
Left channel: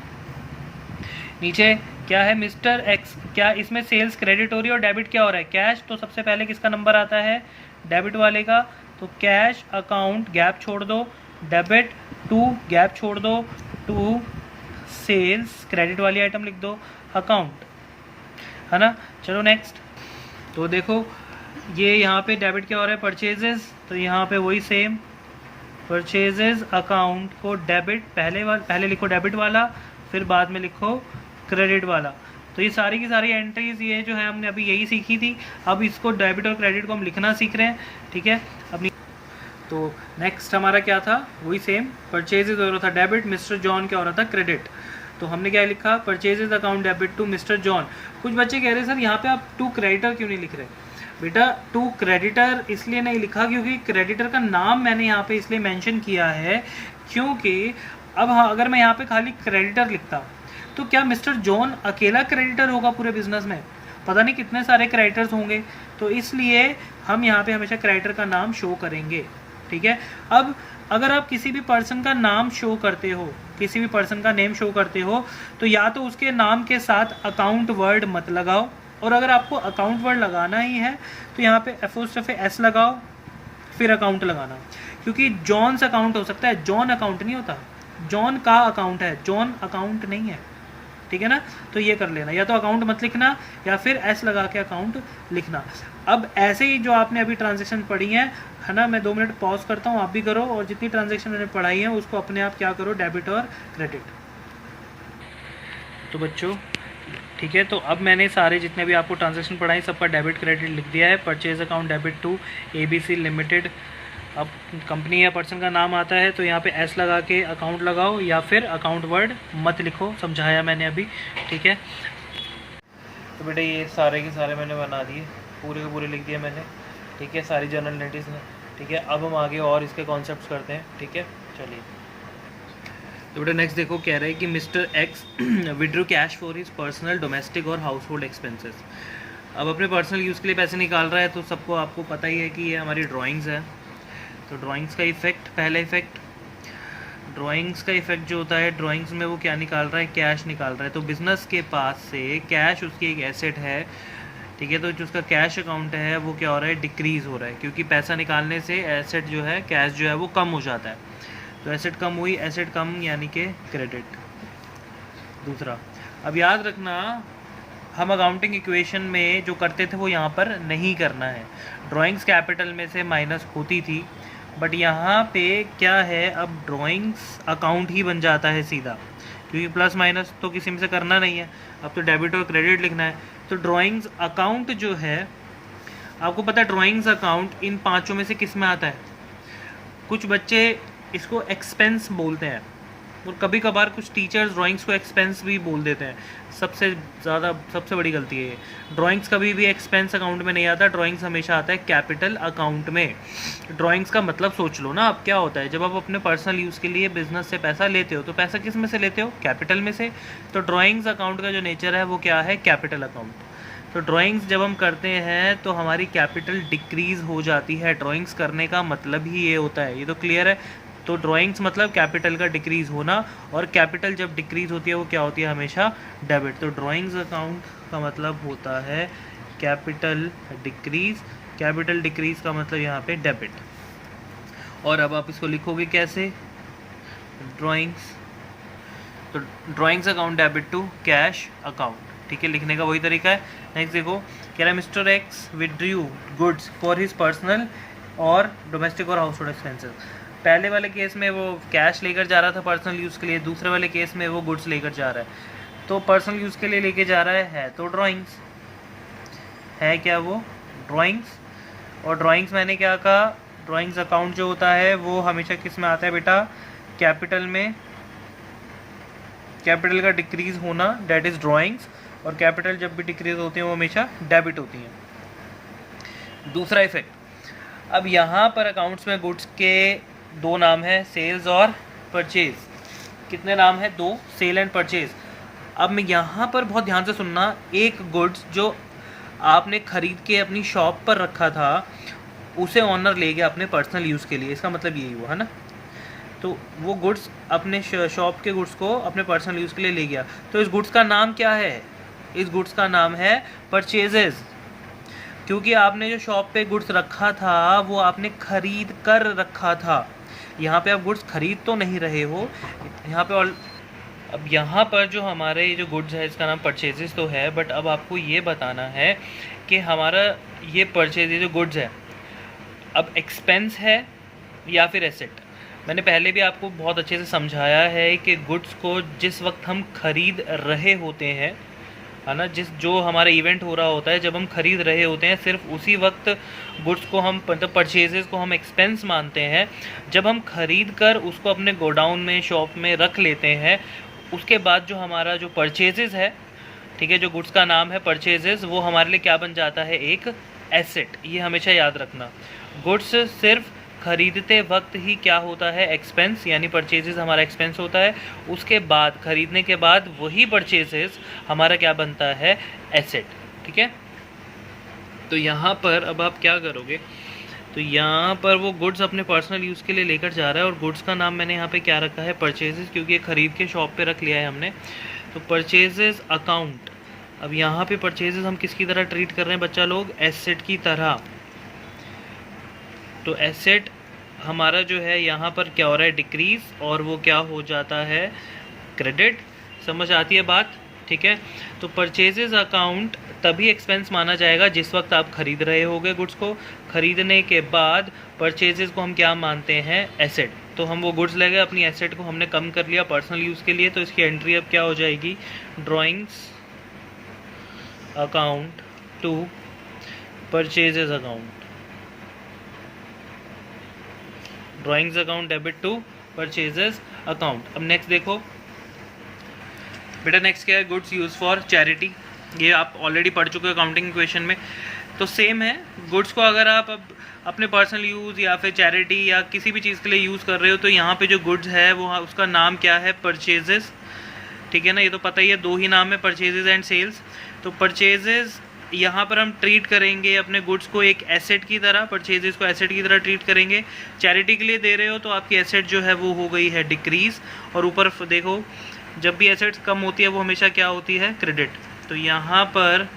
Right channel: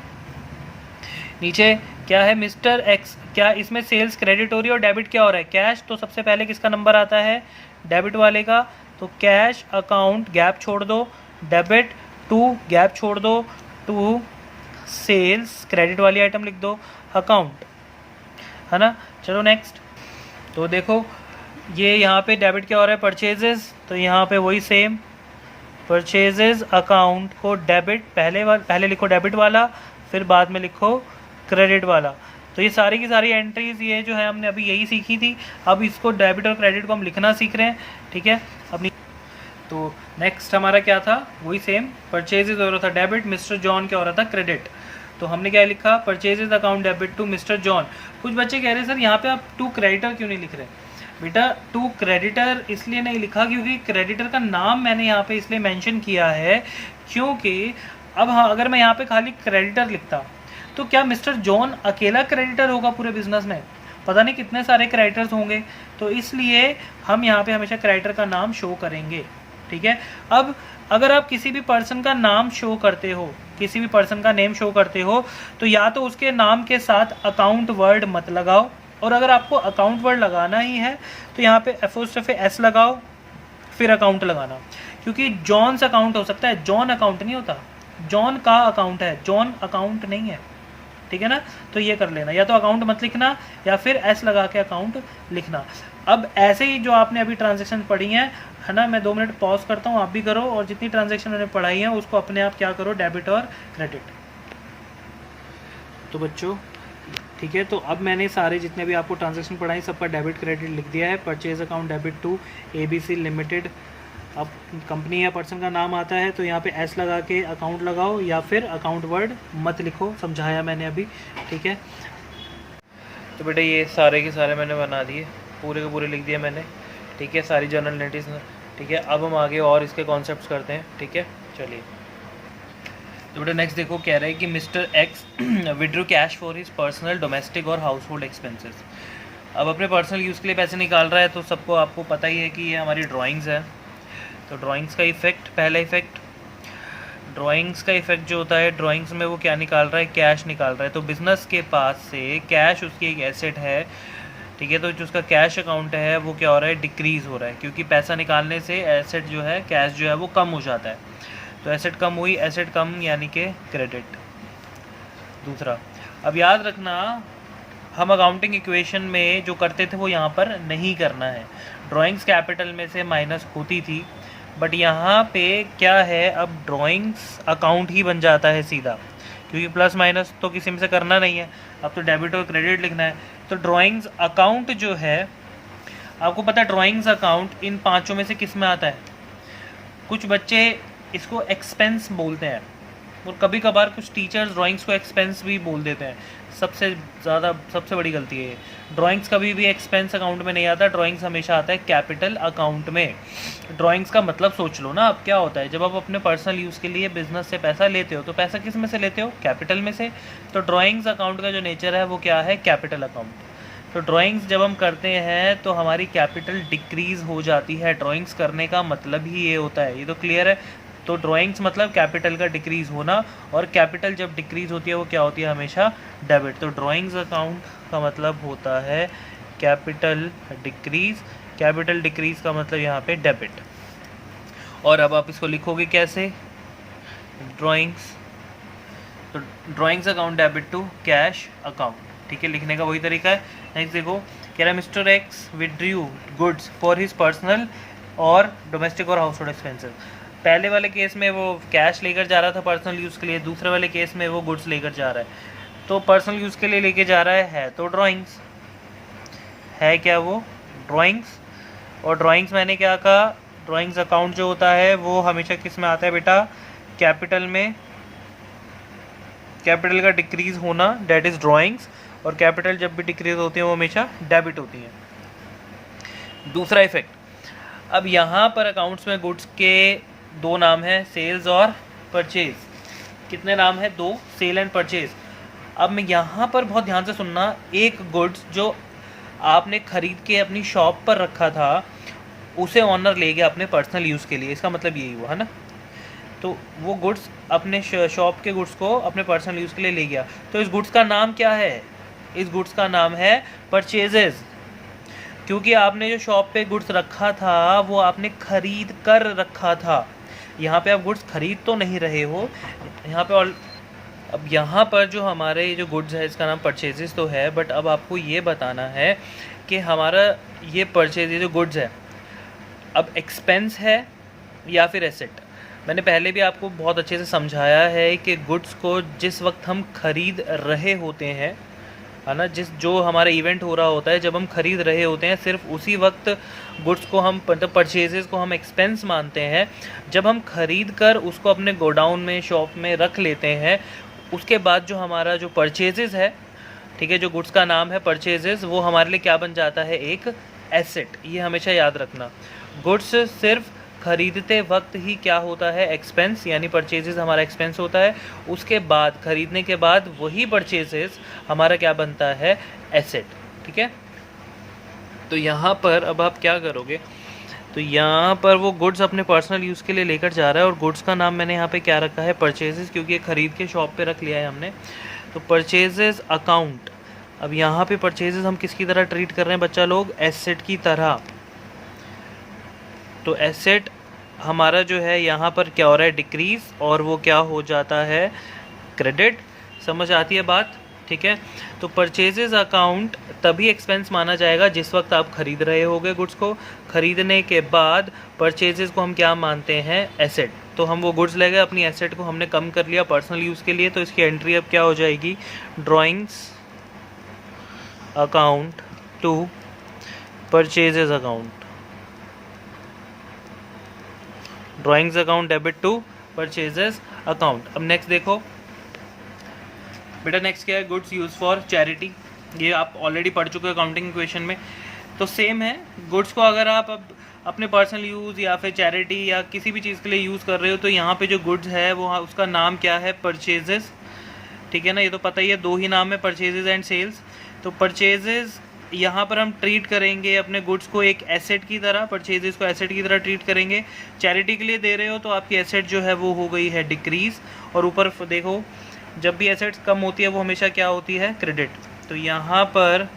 नीचे क्या है? मिस्टर एक्स, क्या इसमें सेल्स क्रेडिट हो रही है और डेबिट क्या हो रहा है? कैश। तो सबसे पहले किसका नंबर आता है? डेबिट वाले का। तो कैश अकाउंट गैप छोड़ दो, डेबिट टू गैप छोड़ दो, टू सेल्स क्रेडिट वाली आइटम लिख दो, अकाउंट, है ना। चलो नेक्स्ट। तो देखो ये यहाँ पे डेबिट क्या हो रहा है? परचेजेस। तो यहाँ पे वही सेम, परचेजेस अकाउंट को डेबिट, पहले लिखो डेबिट वाला, फिर बाद में लिखो क्रेडिट वाला। तो ये सारी की सारी एंट्रीज ये जो है हमने अभी यही सीखी थी। अब इसको डेबिट और क्रेडिट को हम लिखना सीख रहे हैं। ठीक है, अपनी तो नेक्स्ट हमारा क्या था? वही सेम, परचेजेज हो रहा था डेबिट, मिस्टर जॉन क्या हो रहा था? क्रेडिट। तो हमने क्या लिखा? Purchases account debit to mister John. कुछ बच्चे कह रहे सर यहाँ पे आप टू क्रेडिटर क्यों नहीं लिख रहे? बेटा टू क्रेडिटर इसलिए नहीं लिखा क्योंकि क्रेडिटर का नाम मैंने यहाँ पे इसलिए मेंशन किया है क्योंकि अब अगर मैं यहाँ पे खाली क्रेडिटर लिखता तो क्या मिस्टर जॉन अकेला क्रेडिटर होगा पूरे बिजनेस में? पता नहीं कितने सारे क्रेडिटर्स होंगे। तो इसलिए हम यहाँ पे हमेशा क्रेडिटर का नाम शो करेंगे। ठीक है, अब अगर आप किसी भी पर्सन का नाम शो करते हो, किसी भी पर्सन का नेम शो करते हो, तो या तो उसके नाम के साथ अकाउंट वर्ड मत लगाओ, और अगर आपको अकाउंट वर्ड लगाना ही है तो यहाँ पे एपोस्ट्रोफी एस लगाओ, फिर अकाउंट लगाना, क्योंकि जॉन्स अकाउंट हो सकता है, जॉन अकाउंट नहीं होता। जॉन का अकाउंट है, जॉन अकाउंट नहीं है। ठीक है ना, तो ये कर लेना, या तो अकाउंट मत लिखना या फिर एस लगा के अकाउंट लिखना। अब ऐसे ही जो आपने अभी ट्रांजेक्शन पढ़ी है ना, मैं 2 मिनट पॉज करता हूँ, आप भी करो, और जितनी ट्रांजेक्शन मैंने पढ़ाई है उसको अपने आप क्या करो? डेबिट और क्रेडिट। तो बच्चों ठीक है, तो अब मैंने सारे जितने भी आपको ट्रांजेक्शन पढ़ाई सबका डेबिट क्रेडिट लिख दिया है। Purchase account debit to ABC limited. अब कंपनी या पर्सन का नाम आता है तो यहाँ पे एस लगा के अकाउंट लगाओ, या फिर अकाउंट वर्ड मत लिखो, समझाया मैंने अभी। ठीक है, तो बेटा ये सारे के सारे मैंने बना दिए, पूरे के पूरे लिख दिए मैंने। ठीक है, सारी जनरल एंट्रीज ने। ठीक है, अब हम आगे और इसके कॉन्सेप्ट्स करते हैं। ठीक है, चलिए। तो बेटा नेक्स्ट देखो, कह रहे हैं कि mister x withdrew cash for his personal domestic और हाउस होल्ड एक्सपेंसेस। अब अपने पर्सनल यूज़ के लिए पैसे निकाल रहा है, तो सबको आपको पता ही है कि ये हमारी ड्राइंग्स है। तो ड्राइंग्स का इफेक्ट, पहला इफेक्ट ड्राइंग्स का इफेक्ट जो होता है, ड्राइंग्स में वो क्या निकाल रहा है? कैश निकाल रहा है। तो बिजनेस के पास से कैश उसकी एक एसेट है। ठीक है, तो जो उसका कैश अकाउंट है वो क्या हो रहा है? डिक्रीज हो रहा है, क्योंकि पैसा निकालने से एसेट जो है, कैश जो है वो कम हो जाता है। तो एसेट कम हुई, एसेट कम यानी कि क्रेडिट। दूसरा, अब याद रखना हम अकाउंटिंग इक्वेशन में जो करते थे वो यहाँ पर नहीं करना है। ड्राइंग्स कैपिटल में से माइनस होती थी, बट यहाँ पे क्या है, अब ड्राइंग्स अकाउंट ही बन जाता है सीधा, क्योंकि प्लस माइनस तो किसी में से करना नहीं है, अब तो डेबिट और क्रेडिट लिखना है। तो ड्राइंग्स अकाउंट जो है, आपको पता है ड्राइंग्स अकाउंट इन पांचों में से किस में आता है? कुछ बच्चे इसको एक्सपेंस बोलते हैं, और कभी कभार कुछ टीचर्स ड्राइंग्स को एक्सपेंस भी बोल देते हैं। सबसे बड़ी गलती है ये। ड्राइंग्स कभी भी एक्सपेंस अकाउंट में नहीं आता, ड्राइंग्स हमेशा आता है कैपिटल अकाउंट में। ड्राइंग्स का मतलब सोच लो ना, अब क्या होता है, जब आप अपने पर्सनल यूज़ के लिए बिजनेस से पैसा लेते हो तो पैसा किस में से लेते हो? कैपिटल में से। तो ड्राइंग्स अकाउंट का जो नेचर है वो क्या है? Capital account. तो ड्राइंग्स जब हम करते हैं तो हमारी कैपिटल डिक्रीज हो जाती है। ड्राइंग्स करने का मतलब ही ये होता है, ये तो क्लियर है। तो ड्राइंग्स मतलब कैपिटल का डिक्रीज होना, और कैपिटल जब डिक्रीज होती है वो क्या होती है? हमेशा डेबिट। तो ड्राइंग्स अकाउंट का मतलब होता है कैपिटल डिक्रीज। कैपिटल डिक्रीज का मतलब यहाँ पे डेबिट। और अब आप इसको लिखोगे कैसे? ड्राइंग्स, तो drawings account debit to cash account. ठीक है, लिखने का वही तरीका है। नेक्स्ट देखो, कह रहा है mister x withdrew goods for his personal और डोमेस्टिक और हाउस होल्ड एक्सपेंसेस। पहले वाले केस में वो कैश लेकर जा रहा था पर्सनल यूज़ के लिए, दूसरे वाले केस में वो गुड्स लेकर जा रहा है। तो पर्सनल यूज़ के लिए लेके जा रहा है तो ड्राइंग्स है, क्या वो? ड्राइंग्स। और ड्राइंग्स मैंने क्या कहा? ड्राइंग्स अकाउंट जो होता है वो हमेशा किस में आता है बेटा? कैपिटल में। कैपिटल का डिक्रीज होना, दैट इज ड्राइंग्स। और कैपिटल जब भी डिक्रीज होती है वो हमेशा डेबिट होती है। दूसरा इफेक्ट, अब यहाँ पर अकाउंट्स में गुड्स के दो नाम हैं, सेल्स और परचेज। कितने नाम हैं? दो, सेल एंड परचेज। अब मैं यहाँ पर बहुत ध्यान से सुनना, एक गुड्स जो आपने खरीद के अपनी शॉप पर रखा था उसे ऑनर ले गया अपने पर्सनल यूज़ के लिए, इसका मतलब यही हुआ है ना। तो वो गुड्स अपने शॉप के गुड्स को अपने पर्सनल यूज़ के लिए ले गया, तो इस गुड्स का नाम क्या है? इस गुड्स का नाम है परचेजेस, क्योंकि आपने जो शॉप पे गुड्स रखा था वो आपने खरीद कर रखा था। यहाँ पे आप गुड्स खरीद तो नहीं रहे हो यहाँ पे। अब यहाँ पर जो हमारे जो गुड्स है इसका नाम परचेजेस तो है, बट अब आपको ये बताना है कि हमारा ये परचेज जो गुड्स है अब एक्सपेंस है या फिर एसेट। मैंने पहले भी आपको बहुत अच्छे से समझाया है कि गुड्स को जिस वक्त हम खरीद रहे होते हैं, है ना, जो हमारा इवेंट हो रहा होता है जब हम खरीद रहे होते हैं, सिर्फ उसी वक्त गुड्स को हम मतलब परचेजेस को हम एक्सपेंस मानते हैं। जब हम खरीद कर उसको अपने गोडाउन में शॉप में रख लेते हैं, उसके बाद जो हमारा जो परचेजेस है, ठीक है, जो गुड्स का नाम है परचेजेस, वो हमारे लिए क्या बन जाता है? एक एसेट। ये हमेशा याद रखना, गुड्स सिर्फ खरीदते वक्त ही क्या होता है? एक्सपेंस, यानी परचेजेस हमारा एक्सपेंस होता है। उसके बाद खरीदने के बाद वही परचेजेस हमारा क्या बनता है? एसेट। ठीक है, तो यहाँ पर अब आप क्या करोगे? तो यहाँ पर वो गुड्स अपने पर्सनल यूज़ के लिए लेकर जा रहा है और गुड्स का नाम मैंने यहाँ पे क्या रखा है? परचेजेस, क्योंकि ये खरीद के शॉप पे रख लिया है हमने। तो परचेजेस अकाउंट, अब यहाँ पे परचेजेस हम किसकी तरह ट्रीट कर रहे हैं बच्चा लोग? एसेट की तरह। तो एसेट हमारा जो है यहाँ पर क्या हो रहा है? डिक्रीज, और वो क्या हो जाता है? क्रेडिट। समझ आती है बात? ठीक है, तो परचेजेस अकाउंट तभी एक्सपेंस माना जाएगा जिस वक्त आप खरीद रहे होगे गुड्स को। खरीदने के बाद परचेजेस को हम क्या मानते हैं? एसेट। तो हम वो गुड्स ले गए, अपनी एसेट को हमने कम कर लिया पर्सनल यूज़ के लिए, तो इसकी एंट्री अब क्या हो जाएगी? Drawings account to purchases account. Drawings account debit to purchases account. अब नेक्स्ट देखो बेटा, नेक्स्ट क्या है? Goods use for charity. ये आप ऑलरेडी पढ़ चुके हो अकाउंटिंग इक्वेशन में, तो सेम है। गुड्स को अगर आप अब अपने पर्सनल यूज़ या फिर चैरिटी या किसी भी चीज़ के लिए यूज़ कर रहे हो, तो यहाँ पे जो गुड्स है वो उसका नाम क्या है? परचेजेस। ठीक है ना, ये तो पता ही है, दो ही नाम है, परचेजेस एंड सेल्स। तो परचेजेस यहाँ पर हम ट्रीट करेंगे अपने गुड्स को एक एसेट की तरह, परचेजेस को एसेट की तरह ट्रीट करेंगे। चैरिटी के लिए दे रहे हो तो आपकी एसेट जो है वो हो गई है डिक्रीज, और ऊपर देखो जब भी एसेट्स कम होती है वो हमेशा क्या होती है? क्रेडिट। तो यहाँ पर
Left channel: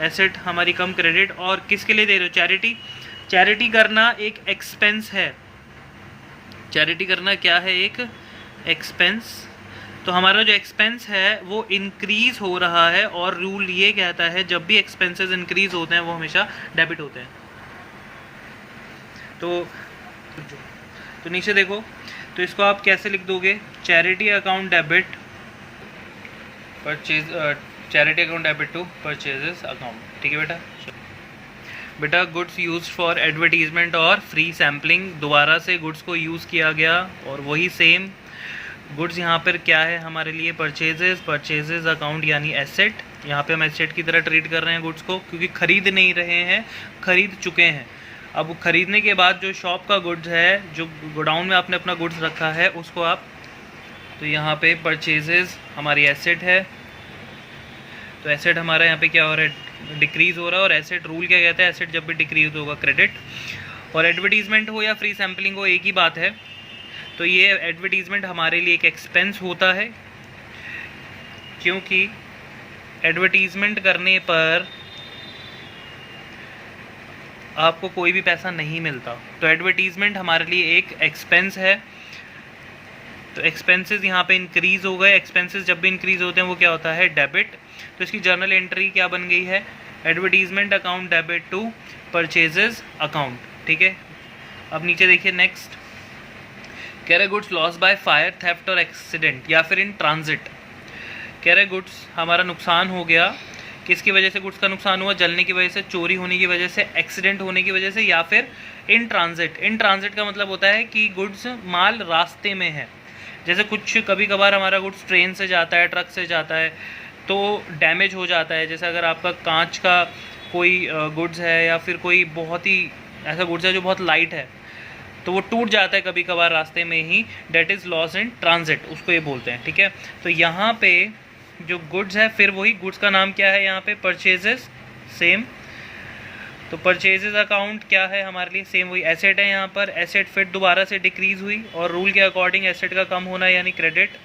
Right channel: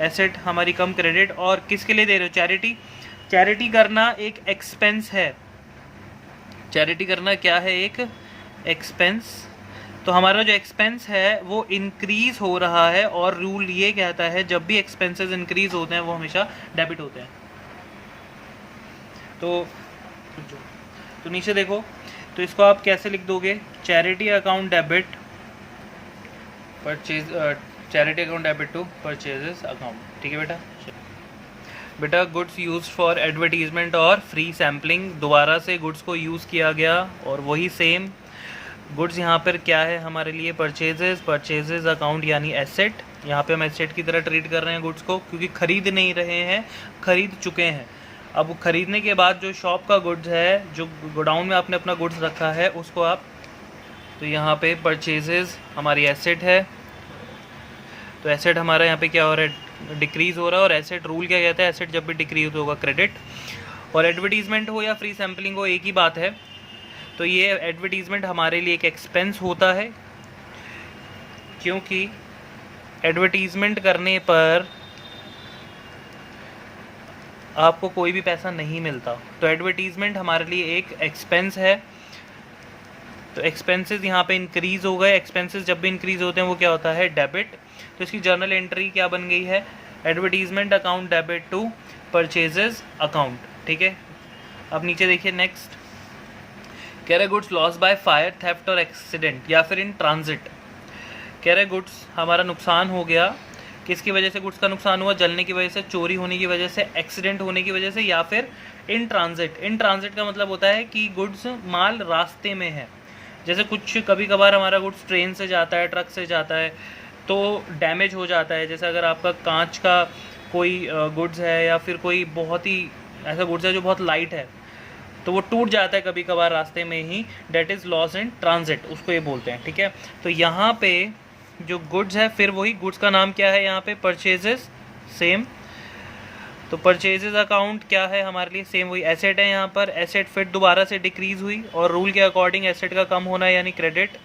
एसेट हमारी कम, क्रेडिट, और किसके लिए दे रहे हो? चैरिटी। चैरिटी करना एक एक्सपेंस है। चैरिटी करना क्या है? एक एक्सपेंस। तो हमारा जो एक्सपेंस है वो इंक्रीज हो रहा है, और रूल ये कहता है जब भी एक्सपेंसेस इंक्रीज होते हैं वो हमेशा डेबिट होते हैं। तो नीचे देखो, तो इसको आप कैसे लिख दोगे? Charity account debit purchase, charity account debit to purchases account. ठीक है बेटा, गुड्स यूज फॉर एडवर्टीजमेंट और फ्री सैम्पलिंग, दोबारा से गुड्स को यूज़ किया गया, और वही सेम गुड्स यहाँ पर क्या है हमारे लिए? परचेजेस। परचेजेस अकाउंट यानी एसेट। यहाँ पे हम एसेट की तरह ट्रीट कर रहे हैं गुड्स को, क्योंकि खरीद नहीं रहे हैं, खरीद चुके हैं। अब खरीदने के बाद जो शॉप का गुड्स है, जो गोडाउन में आपने अपना गुड्स रखा है, उसको आप, तो यहाँ पे परचेजेस हमारी एसेट है, तो एसेट हमारा यहाँ पे क्या हो रहा है? डिक्रीज हो रहा है। और एसेट रूल क्या कहता है? एसेट जब भी डिक्रीज होगा क्रेडिट। और एडवर्टीजमेंट हो या फ्री सैम्पलिंग हो, एक ही बात है। तो ये एडवर्टीजमेंट हमारे लिए एक एक्सपेंस होता है, क्योंकि एडवर्टीजमेंट करने पर आपको कोई भी पैसा नहीं मिलता। तो एडवर्टीजमेंट हमारे लिए एक एक्सपेंस है। तो एक्सपेंसेस यहाँ पे इंक्रीज हो गए। एक्सपेंसेस जब भी इंक्रीज होते हैं वो क्या होता है? डेबिट। तो इसकी जर्नल एंट्री क्या बन गई है? Advertisement account debit to purchases account. ठीक है, अब नीचे देखिए नेक्स्ट, कह रहे goods loss by fire, theft और एक्सीडेंट, या फिर इन ट्रांजिट। कह रहे गुड्स हमारा नुकसान हो गया, किसकी वजह से गुड्स का नुकसान हुआ? जलने की वजह से, चोरी होने की वजह से, एक्सीडेंट होने की वजह से, या फिर इन ट्रांजिट। इन ट्रांजिट का मतलब होता है कि गुड्स माल रास्ते में है। जैसे कुछ कभी कभार हमारा गुड्स ट्रेन से जाता है, ट्रक से जाता है, तो डैमेज हो जाता है। जैसे अगर आपका कांच का कोई गुड्स है या फिर कोई बहुत ही ऐसा गुड्स है जो बहुत लाइट है, तो वो टूट जाता है कभी कभार रास्ते में ही, that is loss in transit, उसको ये बोलते हैं। ठीक है, तो यहाँ पे जो गुड्स है, फिर वही गुड्स का नाम क्या है यहाँ पे, परचेजेस, सेम। तो परचेजेस अकाउंट क्या है हमारे लिए, सेम वही एसेट है। यहाँ पर एसेट फिर दोबारा से डिक्रीज हुई और रूल के अकॉर्डिंग एसेट का कम होना यानी क्रेडिट।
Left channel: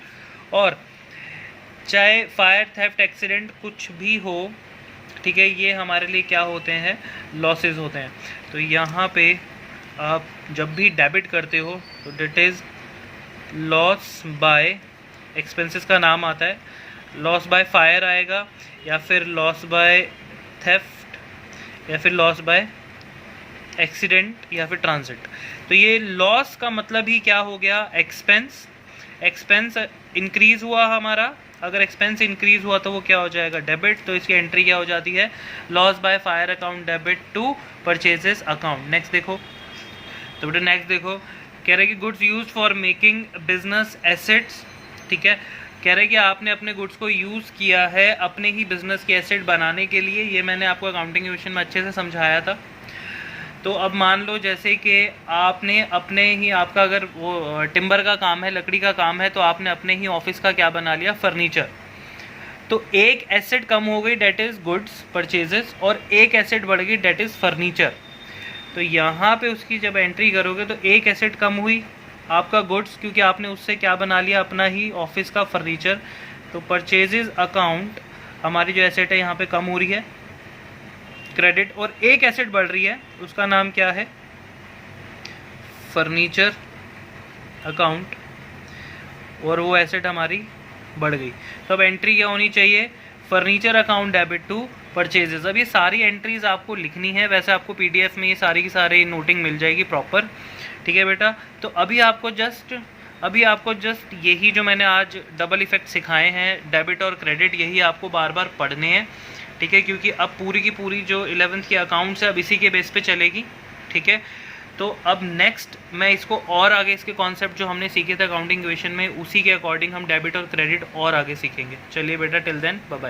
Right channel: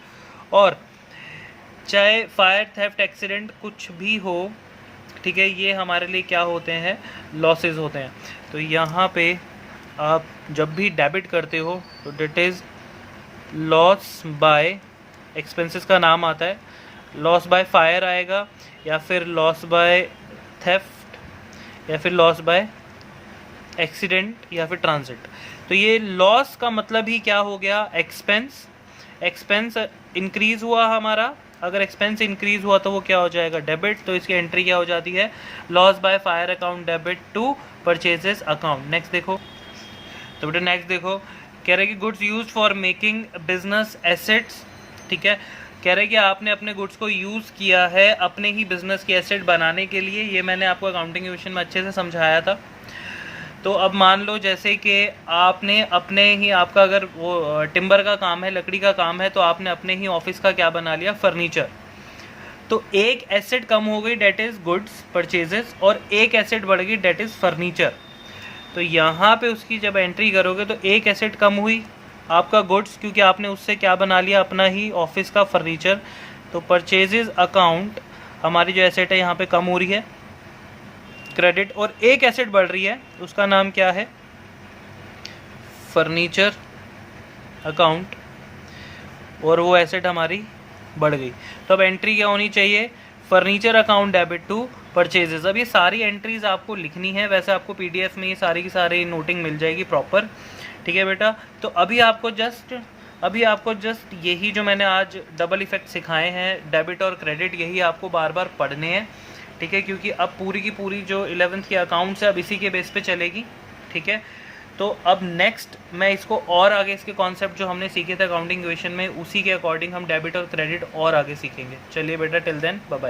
और चाहे फायर, थेफ्ट, एक्सीडेंट कुछ भी हो, ठीक है, ये हमारे लिए क्या होते हैं, लॉसेस होते हैं। तो यहाँ पे आप जब भी डेबिट करते हो तो date is loss by, expenses का नाम आता है, लॉस बाय फायर आएगा या फिर लॉस बाय थेफ्ट या फिर लॉस बाय एक्सीडेंट या फिर ट्रांजिट। तो ये लॉस का मतलब ही क्या हो गया, एक्सपेंस। एक्सपेंस इंक्रीज हुआ हमारा, अगर एक्सपेंस इंक्रीज हुआ तो वो क्या हो जाएगा, डेबिट। तो इसकी एंट्री क्या हो जाती है, loss by fire account debit to purchases account. Next देखो, तो बेटा नेक्स्ट देखो, कह रहे कि goods use for making business assets. ठीक है, कह रहे कि आपने अपने गुड्स को यूज़ किया है अपने ही बिजनेस की एसेट बनाने के लिए। ये मैंने आपको अकाउंटिंग क्वेश्चन में अच्छे से समझाया था। तो अब मान लो जैसे कि आपने अपने ही, आपका अगर वो टिम्बर का काम है, लकड़ी का काम है, तो आपने अपने ही ऑफिस का क्या बना लिया, फर्नीचर। तो एक एसेट कम हो गई, डेट इज़ गुड्स परचेजेस, और एक एसेट बढ़ गई, डेट इज़ फर्नीचर। तो यहाँ पे उसकी जब एंट्री करोगे तो एक एसेट कम हुई आपका गुड्स, क्योंकि आपने उससे क्या बना लिया, अपना ही ऑफिस का फर्नीचर। तो परचेजेस अकाउंट हमारी जो एसेट है यहाँ पे कम हो रही है, क्रेडिट। और एक एसेट बढ़ रही है, उसका नाम क्या है, फर्नीचर अकाउंट, और वो एसेट हमारी बढ़ गई। तो अब एंट्री क्या होनी चाहिए, furniture account debit to purchases. अब ये सारी एंट्रीज आपको लिखनी है, वैसे आपको पीडीएफ में ये सारी की सारी नोटिंग मिल जाएगी प्रॉपर। ठीक है बेटा, तो अभी आपको जस्ट यही जो मैंने आज डबल इफेक्ट सिखाए हैं, डेबिट और क्रेडिट, यही आपको बार बार पढ़ने हैं। ठीक है, क्योंकि अब पूरी की पूरी जो 11th की अकाउंट्स है अब इसी के बेस पे चलेगी। ठीक है, तो अब नेक्स्ट मैं इसको और आगे इसके कॉन्सेप्ट जो हमने सीखे थे अकाउंटिंग क्वेश्चन में, उसी के अकॉर्डिंग हम डेबिट और क्रेडिट और आगे सीखेंगे। चलिए बेटा, टिल देन बाय बाय।